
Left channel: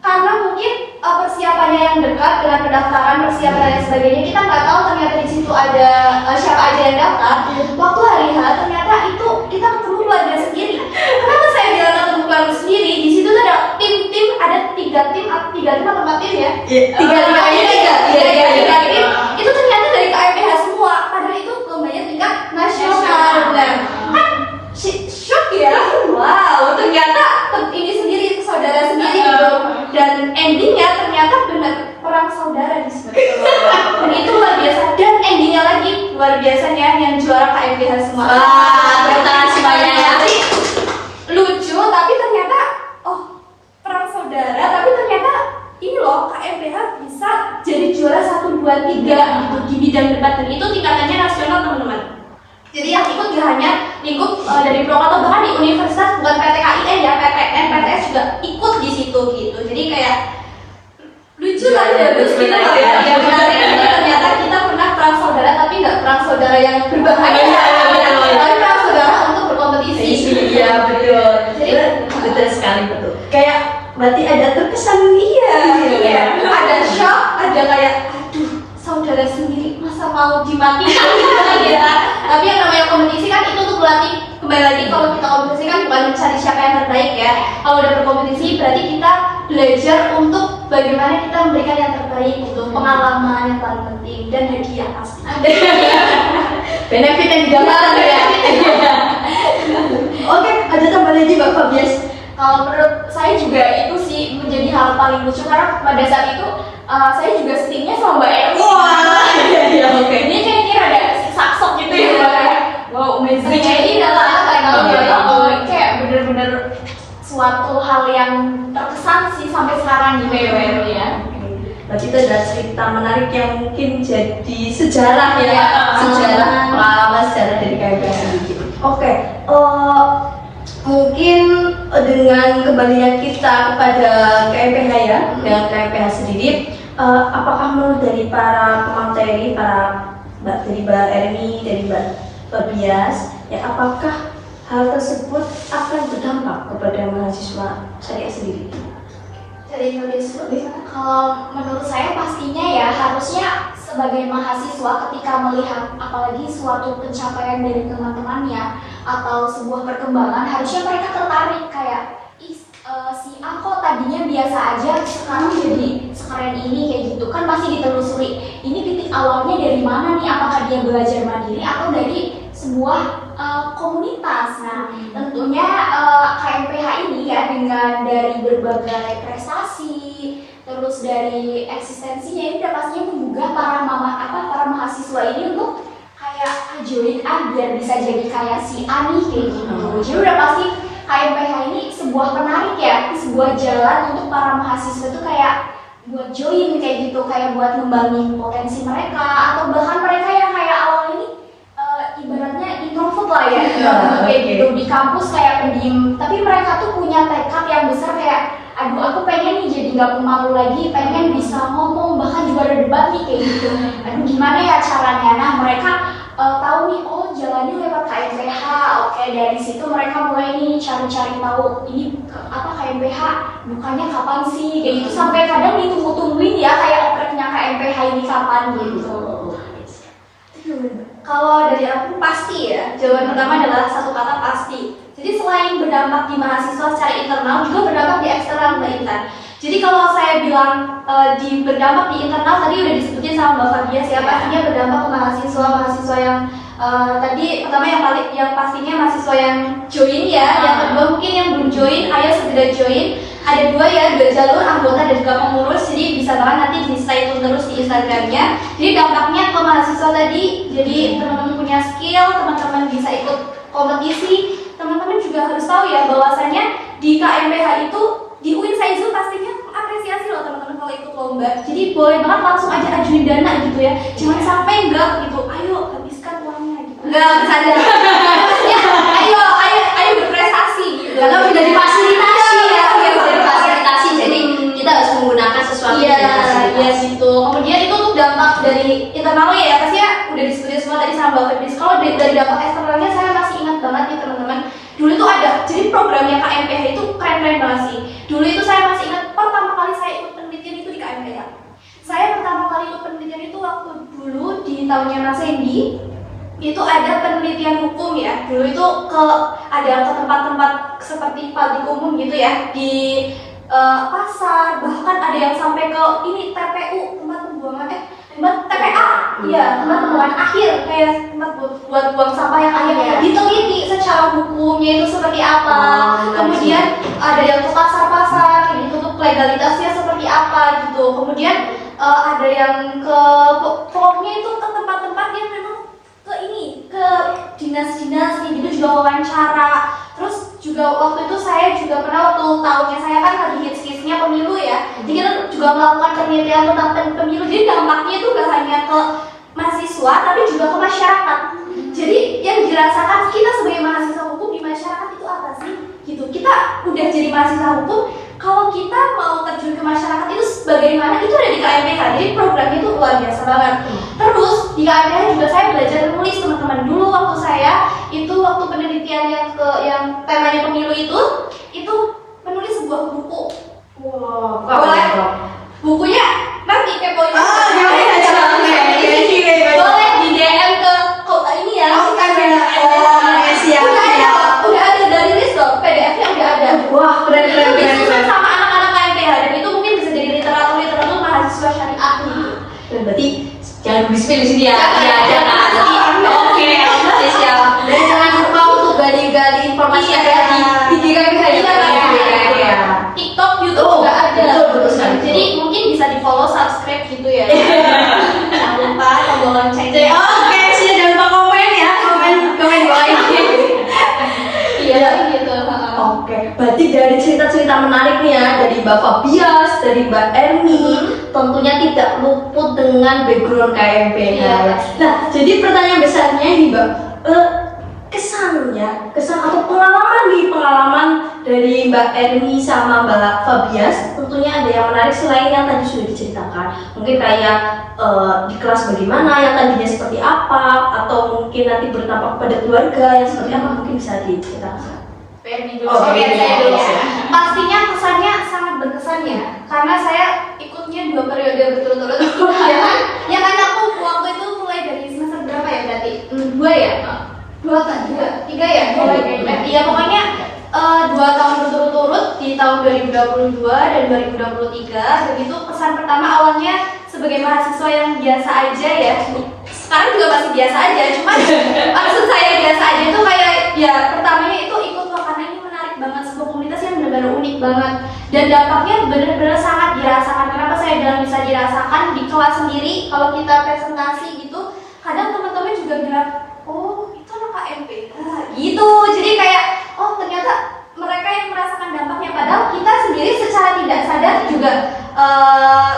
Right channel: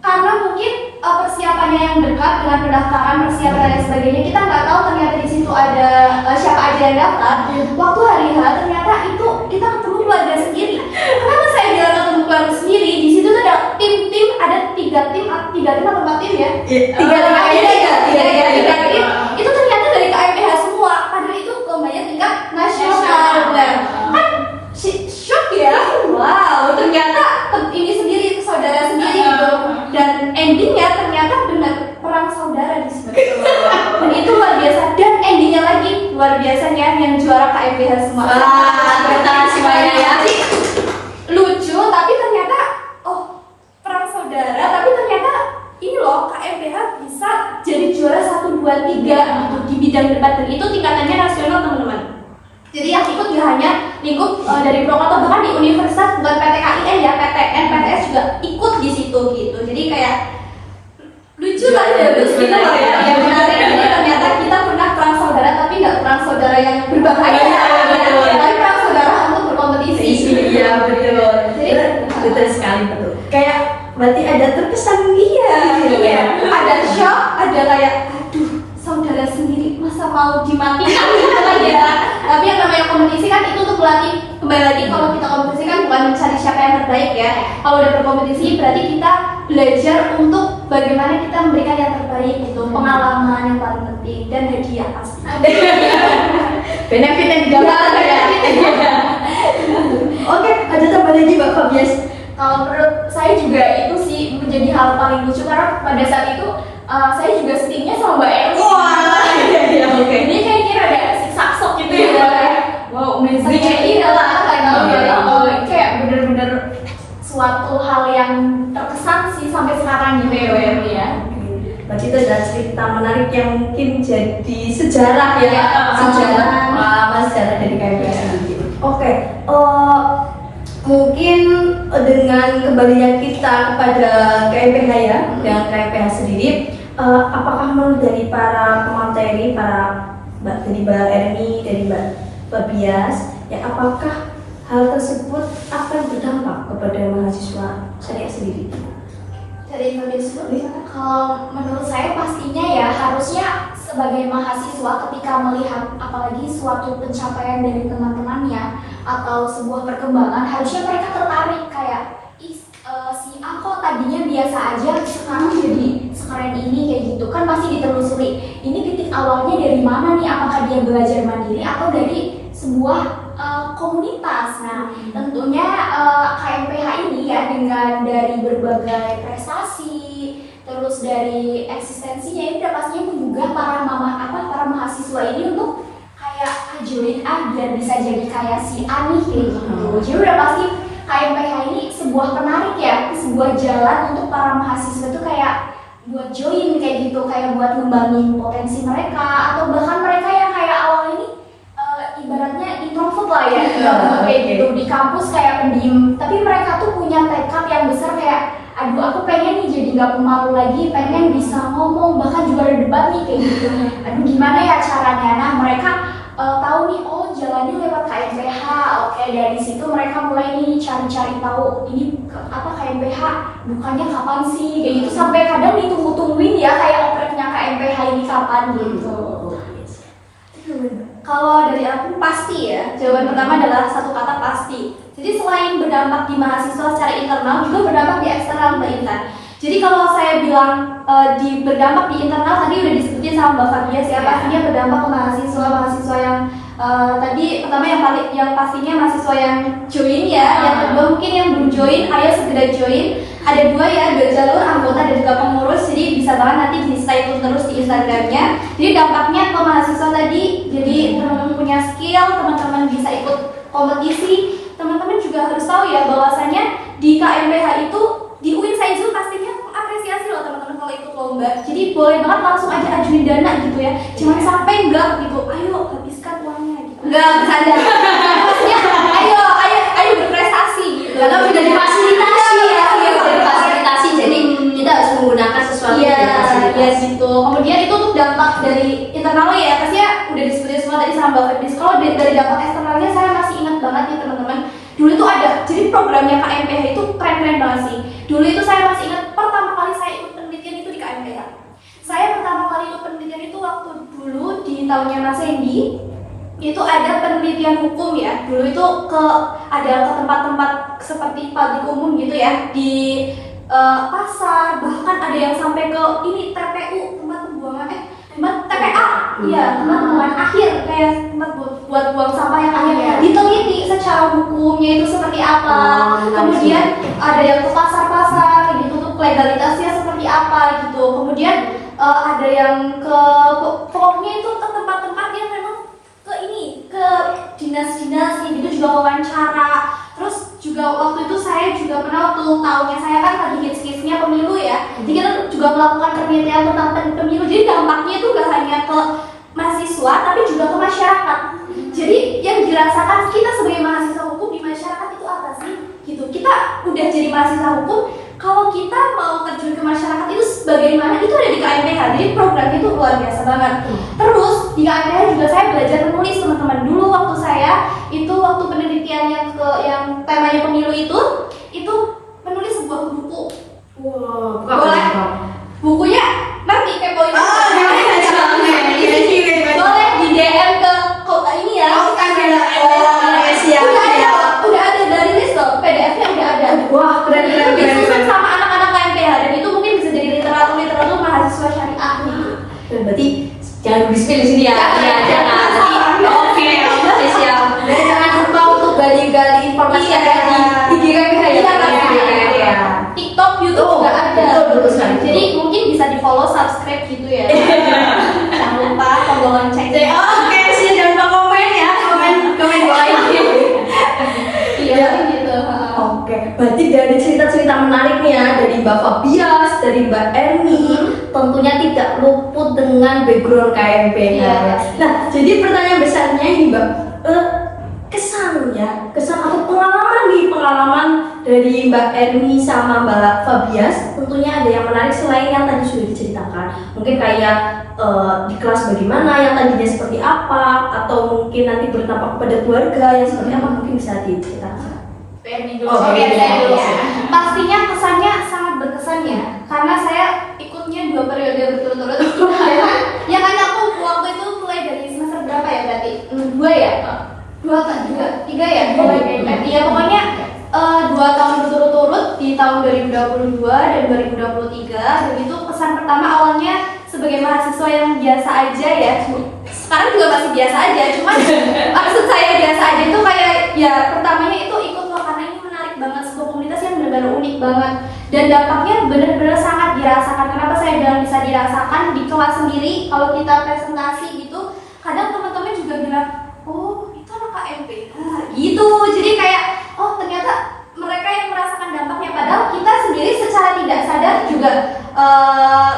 karena mungkin persiapannya yang dekat dengan pendaftaran, persiapan dan sebagainya, kita nggak tahu ternyata di situ ada siapa aja yang daftar. Waktu hari H ternyata itu kita ketemu keluarga sendiri. Kenapa saya bilang ketemu keluarga sendiri? Di situ tuh ada tim-tim, ada 3 tim atau 4 tim ya? Tiga tim. Itu ternyata dari KMPH semua. Padahal itu lombanya tingkat nasional. Kan shock ya. Wow, ternyata ini sendiri saudara sendiri gitu. Dan endingnya ternyata benar perang saudara di situ. Dan itu luar biasa. Dan endingnya lagi luar biasanya yang juara KMPH semua. Bertahan semuanya ya. Jadi lucu tapi ternyata perang saudara, tapi ternyata ini loh KMPH bisa jadi juara 1, 2, 3 gitu di bidang debat, dan itu tingkatannya nasional teman-teman. Jadi yang ikut tidak hanya lingkup dari Purwokerto, bahkan di universitas bukan PTKIN ya, PTN, PTS juga ikut di situ gitu. Jadi kayak lucu lah ya, lucu gitu loh ya. Yang menarik ini ternyata kita pernah perang saudara, tapi nggak perang saudara yang berbahaya, tapi perang saudara untuk berkompetisi. Iya betul. betul sekali, betul. Kayak berarti ada terkesan Iya, ya. ada shock, ada kayak aduh saudara sendiri masa mau dimatikan gitu ya. Tapi yang namanya kompetisi kan itu untuk berlatih, kembali lagi kalau kita kompetisi kan bukan mencari siapa yang terbaik ya. Kalau udah berkompetisi berarti kita belajar untuk bagaimana kita memberikan yang terbaik gitu, pengalaman yang paling penting dan hadiah pasti. Benefit yang didapat ya. Oke, ada tambah lagi Mbak Fabias. Kalau menurut saya juga itu sih menjadi hal paling lucu karena pada saat itu saya juga setingnya sama Mbak Ero. Iya, oke. Ini kayaknya ada saksok gitu ya Mbak ya. Wow, amazing. Iya lah, kayak bener-bener suatu hal yang terkesan sih sampai sekarang di PWM ya. Berarti itu ada cerita menarik yang mungkin jadi sejarah ya, sejarah pengalaman sejarah dari KMPH gitu. Oke, mungkin dengan kembalian kita kepada KMPH ya, dengan KMPH sendiri, apakah menurut dari para pemateri, dari Mbak Erni, dari Mbak Fabias, ya apakah hal tersebut akan berdampak kepada mahasiswa syariah sendiri? Dari nulis kalau menurut saya pastinya ya harusnya sebagai mahasiswa ketika melihat apalagi suatu pencapaian dari teman-temannya atau sebuah perkembangan harusnya mereka tertarik kayak si A kok tadinya biasa aja sekarang jadi sekeren ini kayak gitu kan pasti ditelusuri ini titik awalnya dari mana nih, apakah dia belajar mandiri atau dari sebuah komunitas. Nah tentunya KMPH ini ya dengan dari berbagai prestasi terus dari eksistensinya ini udah pastinya menggugah para mahasiswa ini untuk kayak join biar bisa jadi kayak si A nih kayak gitu. Jadi udah pasti KMPH ini sebuah penarik ya, sebuah jalan untuk para mahasiswa itu kayak buat join kayak gitu, kayak buat ngembangin potensi mereka atau bahkan mereka yang kayak awal ini ibaratnya introvert lah ya, kayak gitu di kampus kayak pendiam, tapi mereka tuh punya tekad yang besar kayak aduh aku pengen nih jadi nggak pemalu lagi, pengen bisa ngomong, bahkan juga ada debat nih kayak gitu. Aduh gimana ya caranya? Nah mereka tahu nih, oh jalannya lewat KMPH. Oke, dari situ mereka mulai nih cari-cari tahu ini apa KMPH, bukannya kapan sih kayak gitu, sampai kadang ditunggu-tungguin ya kayak opreknya KMPH ini kapan gitu. Kalau dari aku pasti ya, jawaban pertama adalah satu kata pasti. Jadi selain berdampak di mahasiswa secara internal, juga berdampak di eksternal Mbak Intan. Jadi kalau saya bilang berdampak di internal tadi udah disebutin sama Mbak Fabias ya, pastinya berdampak ke mahasiswa yang tadi pertama yang pastinya mahasiswa yang join ya, yang kedua mungkin yang belum join, ayo segera join. Ada dua jalur anggota dan juga pengurus, jadi bisa banget nanti di stay tune terus di Instagramnya. Jadi dampaknya ke mahasiswa tadi, jadi teman-teman punya skill, teman-teman bisa ikut kompetisi, teman-teman juga harus tahu ya bahwasanya di KMPH itu di UIN Saizul pastinya apresiasi loh teman-teman kalau ikut lomba. Jadi boleh banget langsung aja ajuin dana gitu ya, jangan sampai enggak gitu, ayo habiskan uangnya gitu. Enggak bercanda. Maksudnya ayo berprestasi gitu. Karena sudah difasilitasi ya, difasilitasi. Jadi kita harus menggunakan sesuatu Iya gitu. Kemudian itu untuk dampak dari internalnya ya, pasti ya udah disebutin semua tadi sama Mbak Febris. Kalau dari dampak eksternalnya saya masih ingat banget nih teman-teman. Dulu itu ada, jadi programnya KMPH itu keren-keren banget sih. Dulu itu saya masih ingat pertama kali saya ikut penelitian itu di KMPH. Saya pertama kali ikut penelitian itu waktu dulu di tahunnya Mas Hendy. Itu ada penelitian hukum ya. Dulu itu ada ke tempat-tempat seperti publik umum gitu ya, di pasar, bahkan ada yang sampai ke ini TPU, tempat pembuangan tempat TPA, iya tempat pembuangan akhir, kayak tempat buat buang sampah yang akhir. Diteliti secara hukumnya itu seperti apa. Kemudian ada yang ke pasar-pasar, kayak gitu tuh legalitasnya seperti apa gitu. Kemudian ada yang ke pokoknya itu ke tempat-tempat yang memang ke dinas-dinas kayak gitu juga wawancara. Terus juga waktu itu saya juga pernah waktu tahunnya saya kan lagi hits-hitsnya pemilu ya. Jadi kita juga melakukan penelitian tentang pemilu. Jadi dampaknya itu gak hanya ke mahasiswa tapi juga ke masyarakat. Jadi yang dirasakan kita sebagai mahasiswa hukum di masyarakat itu apa sih? Gitu. Kita udah jadi mahasiswa hukum, kalau kita mau terjun ke masyarakat itu bagaimana? Itu ada di KMPH. Jadi programnya itu luar biasa banget. Terus di KMPH juga saya belajar menulis teman-teman. Dulu waktu saya itu waktu penelitian yang temanya pemilu itu informasi Iya. ada di IG KMPH ya. Iya. TikTok, YouTube Oh, juga ada. betul sekali. Jadi mungkin bisa di follow, subscribe gitu ya. Jangan lupa tombol loncengnya. Oke, sih jangan lupa komen ya, komen di bawah ini. Iya gitu. Oke, berarti dari cerita-cerita menarik nih ya dari Mbak Fabias, dari Mbak Erni, tentunya tidak luput dengan background KMP. Iya. Nah, jadi pertanyaan besarnya ini Mbak, kesan atau pengalaman dari Mbak Erni sama Mbak Fabias, tentunya ada yang menarik selain yang tadi sudah diceritakan. Mungkin kayak di kelas bagaimana, yang tadinya seperti apa, atau mungkin nanti berdampak kepada keluarga yang seperti apa, mungkin bisa diceritakan. Oke, saya dulu. Pastinya kesannya sangat berkesan ya, karena saya ikutnya 2 periode berturut-turut. Ya kan aku waktu itu mulai dari semester berapa ya berarti? 2 ya? 3 ya? Iya pokoknya 2 tahun berturut-turut di tahun 2022 dan 2023. Dan itu kesan pertama awalnya sebagai mahasiswa yang biasa aja ya. Sekarang juga masih biasa aja, cuman maksud saya biasa aja itu kayak ya pertamanya itu ikut karena ini menarik banget, sebuah komunitas yang benar-benar unik banget dan dampaknya benar-benar sangat dirasakan. Kenapa saya bilang bisa dirasakan di kelas sendiri kalau kita presentasi gitu, kadang teman-teman juga bilang, oh itu anak KMP, nah, gitu. Jadi kayak oh ternyata mereka yang merasakan dampaknya, padahal kita sendiri secara tidak sadar juga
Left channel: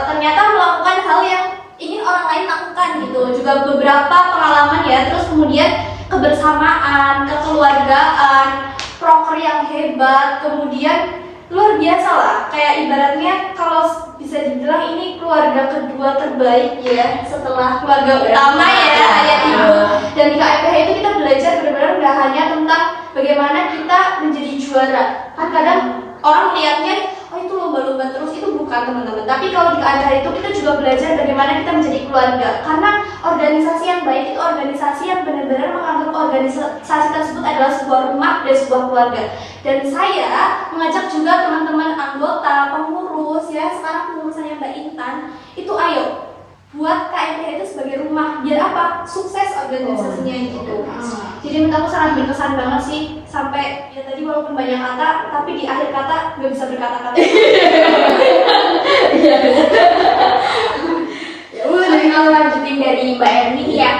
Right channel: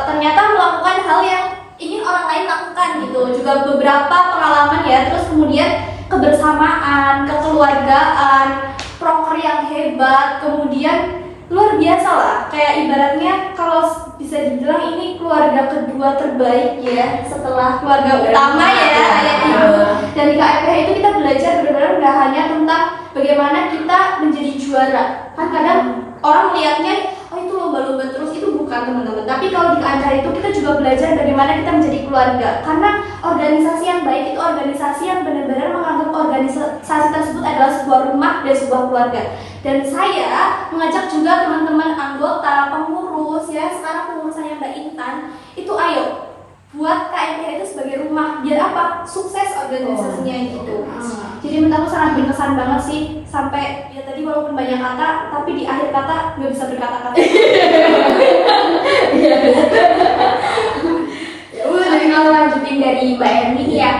ternyata melakukan hal yang ingin orang lain lakukan gitu. Juga beberapa pengalaman ya, terus kemudian kebersamaan, kekeluargaan, proker yang hebat, kemudian luar biasa lah. Kayak ibaratnya kalau bisa dibilang ini keluarga kedua terbaik ya setelah keluarga utama ya kayak ibu. Dan di KMPH itu kita belajar benar-benar nggak hanya tentang bagaimana kita menjadi juara. Kan kadang orang melihatnya oh itu lomba-lomba terus, itu bukan teman-teman. Tapi kalau di KMPH itu kita juga belajar bagaimana kita menjadi keluarga. Karena organisasi yang baik itu organisasi yang benar-benar menganggap organisasi tersebut adalah sebuah rumah dan sebuah keluarga. Dan saya mengajak juga teman-teman anggota, pengurus ya, sekarang pengurusannya Mbak Intan, itu ayo buat KMPH itu sebagai rumah, biar apa? Sukses organisasinya gitu. Jadi menurut aku sangat berkesan banget sih, sampai ya tadi walaupun banyak kata, tapi di akhir kata nggak bisa berkata-kata. Ya udah, kalau lanjutin dari Mbak Erni ya,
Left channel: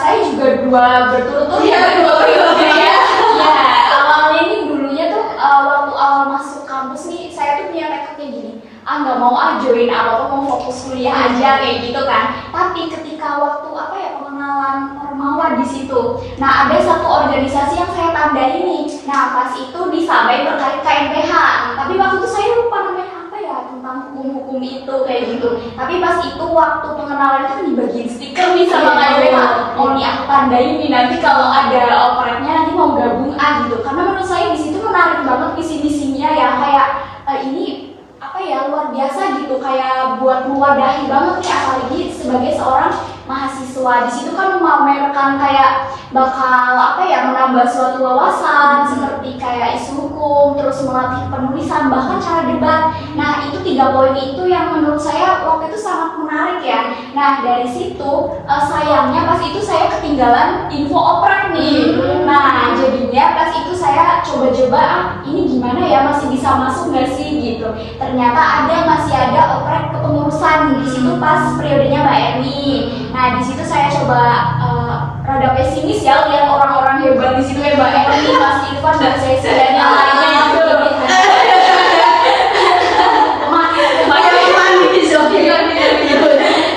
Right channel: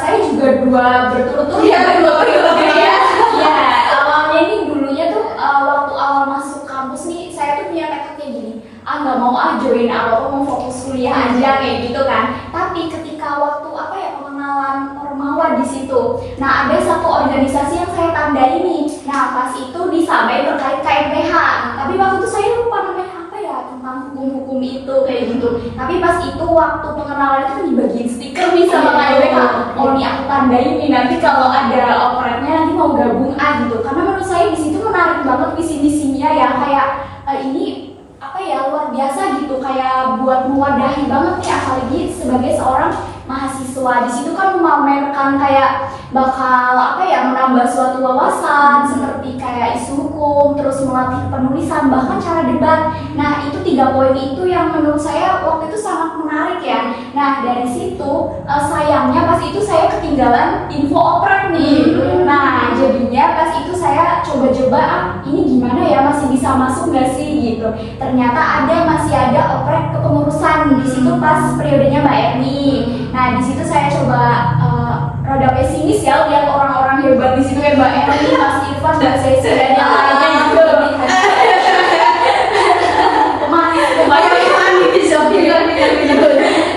saya juga 2 berturut-turut ya, 2 periode ya. Ya, awalnya ini dulunya tuh waktu awal masuk kampus nih, saya tuh punya tekad kayak gini, nggak mau join apa mau fokus kuliah aja kayak gitu kan. Tapi ketika waktu pengenalan Ormawa di situ, nah ada satu organisasi yang saya tandai nih. Nah pas itu disampaikan terkait KMPH, tapi waktu itu saya lupa namanya apa ya, tentang hukum-hukum itu kayak gitu. Tapi pas itu waktu pengenalan itu dibagiin stiker nih sama KMPH. Oh nih aku tandai nih, nanti kalau ada operetnya nanti mau gabung gitu. Karena menurut saya di situ menarik banget visi-misinya ya, kayak ini luar biasa gitu, kayak buat mewadahi banget nih, apalagi sebagai seorang mahasiswa di situ kan memamerkan kayak bakal menambah suatu wawasan seperti kayak isu hukum, terus melatih penulisan, bahkan cara debat. Nah itu 3 poin itu yang menurut saya waktu itu sangat menarik ya. Nah dari situ sayangnya pas itu saya ketinggalan info oprek nih. Nah jadinya pas itu saya coba-coba ini gimana ya, masih bisa masuk nggak sih gitu. Ternyata masih ada oprek kepengurusan di situ pas periodenya Mbak Erni. Nah di situ saya coba rada pesimis ya, lihat orang-orang hebat di situ kayak Mbak Erni, Mas Ivan, Mbak Sesi dan yang lainnya gitu.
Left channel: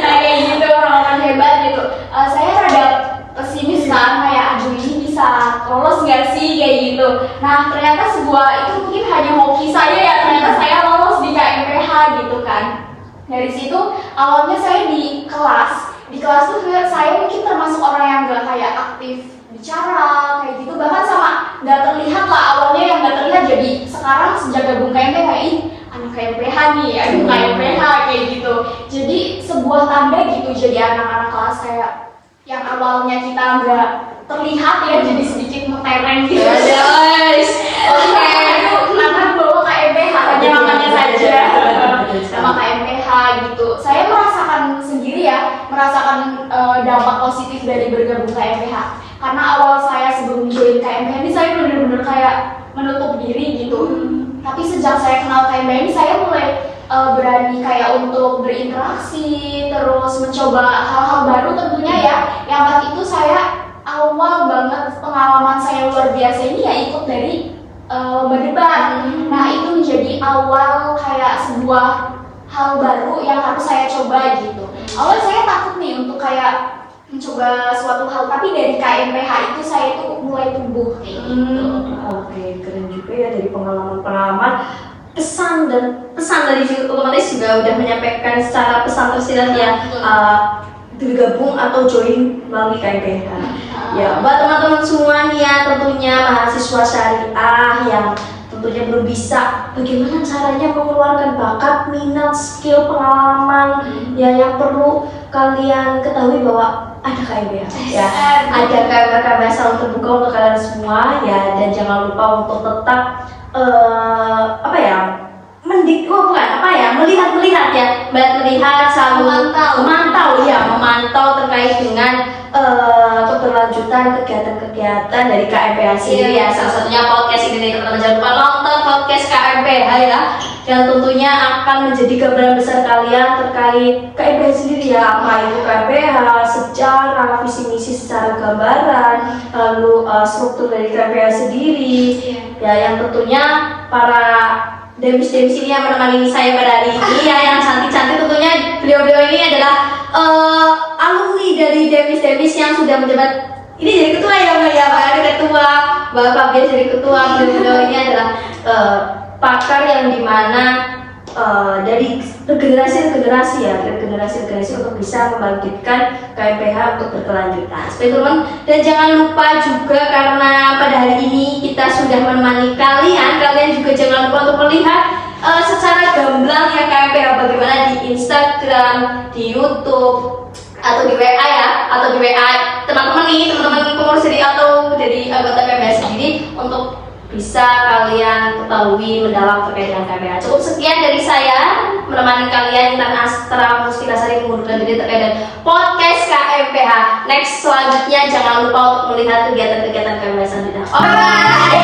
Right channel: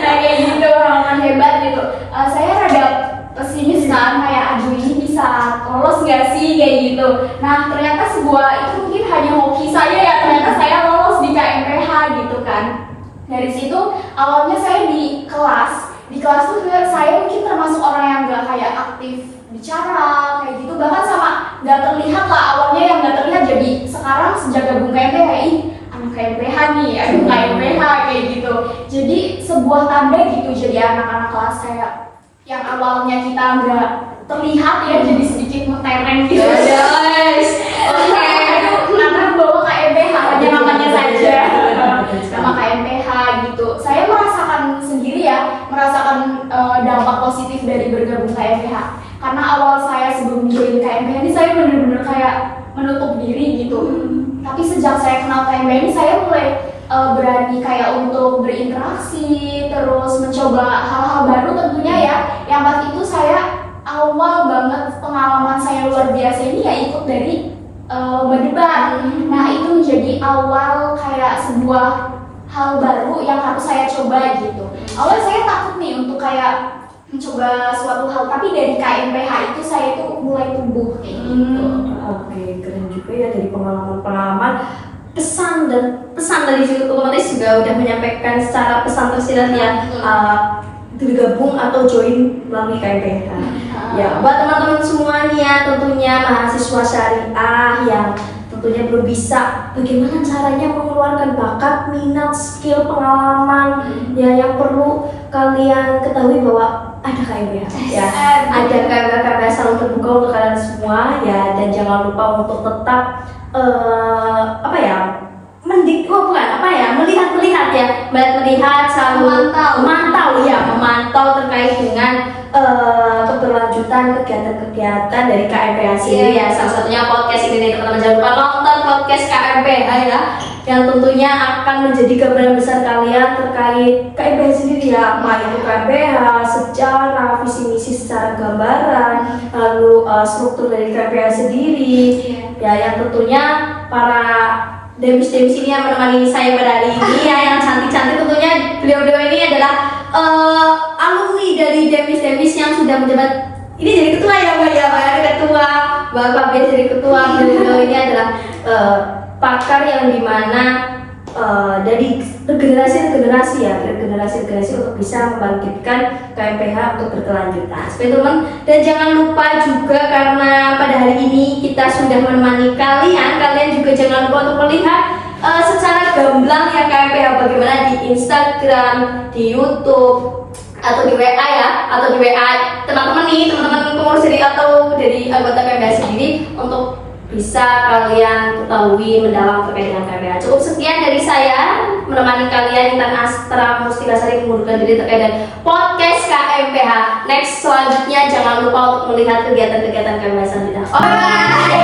Nah kayak gitu orang-orang hebat gitu. Saya rada pesimis kan, kayak aduh ini bisa lolos nggak sih kayak gitu. Nah ternyata sebuah itu mungkin hanya hoki saya ya, ternyata saya lolos di KMPH gitu kan. Dari situ awalnya saya di kelas tuh saya mungkin termasuk orang yang gak kayak aktif bicara kayak gitu, bahkan sama gak terlihat lah awalnya, yang gak terlihat. Jadi sekarang sejak gabung KMPH, anak KMPH nih, aduh KMPH kayak gitu. Jadi sebuah tanda gitu, jadi anak-anak kelas saya yang awalnya kita gak terlihat ya, jadi sedikit mentereng gitu. Guys, Oke, karena bawa KMPH hanya namanya saja, nama KMPH gitu. Saya merasakan sendiri ya, merasakan dampak positif dari bergabung KMPH. Karena awal saya sebelum join KMPH ini saya benar-benar kayak menutup diri gitu. Tapi sejak saya kenal KMPH ini saya mulai berani kayak untuk berinteraksi, terus mencoba hal-hal baru tentunya ya. Yang pas itu saya awal banget pengalaman saya luar biasa ini ya ikut dari lomba debat. Nah itu menjadi awal kayak sebuah hal baru yang harus saya coba gitu. Awalnya saya takut nih untuk kayak mencoba suatu hal, tapi dari KMPH itu saya tuh mulai tumbuh kayak gitu. Oke, keren juga ya dari pengalaman-pengalaman. Pesan dari situ otomatis juga udah menyampaikan secara pesan tersirat yang bergabung atau join melalui KMPH. Ya, buat teman-teman semua nih ya, tentunya mahasiswa syariah yang tentunya belum bisa bagaimana caranya mengeluarkan bakat, minat, skill, pengalaman ya yang perlu kalian ketahui bahwa ada KMPH ya, ada KMPH selalu terbuka untuk kalian semua ya, dan jangan lupa untuk tetap melihat selalu memantau terkait dengan keberlanjutan kegiatan-kegiatan dari KMPH sendiri ya. Salah satunya podcast ini nih teman-teman, jangan lupa nonton podcast KMPH ya, yang tentunya akan menjadi gambaran besar kalian terkait KMPH sendiri ya, apa itu KMPH, sejarah, visi misi secara gambaran, lalu struktur dari KMPH sendiri ya, yang tentunya para demis-demis ini yang menemani saya pada hari ini ya, yang cantik-cantik tentunya. Beliau-beliau ini adalah alumni dari demis-demis yang sudah menjabat, ini jadi ketua ya Mbak ya, Mbak ada ketua, Mbak Fabian jadi ketua. Beliau-beliau ini adalah pakar yang dimana dari generasi ke generasi untuk bisa membangkitkan KMPH untuk berkelanjutan. Seperti teman, dan jangan lupa juga karena pada hari ini kita sudah menemani kalian juga jangan lupa untuk melihat secara gamblang ya KMPH bagaimana di Instagram, di YouTube, atau di WA ya, atau di WA teman-teman pengurus dari atau dari anggota KMPH sendiri untuk bisa kalian ketahui mendalam terkait dengan KMPH. Cukup sekian dari saya menemani kalian, Intan Astra Mustika Sari mengundurkan diri terkait dengan podcast KMPH. Next selanjutnya jangan lupa untuk melihat kegiatan-kegiatan KMPH selanjutnya. Bye.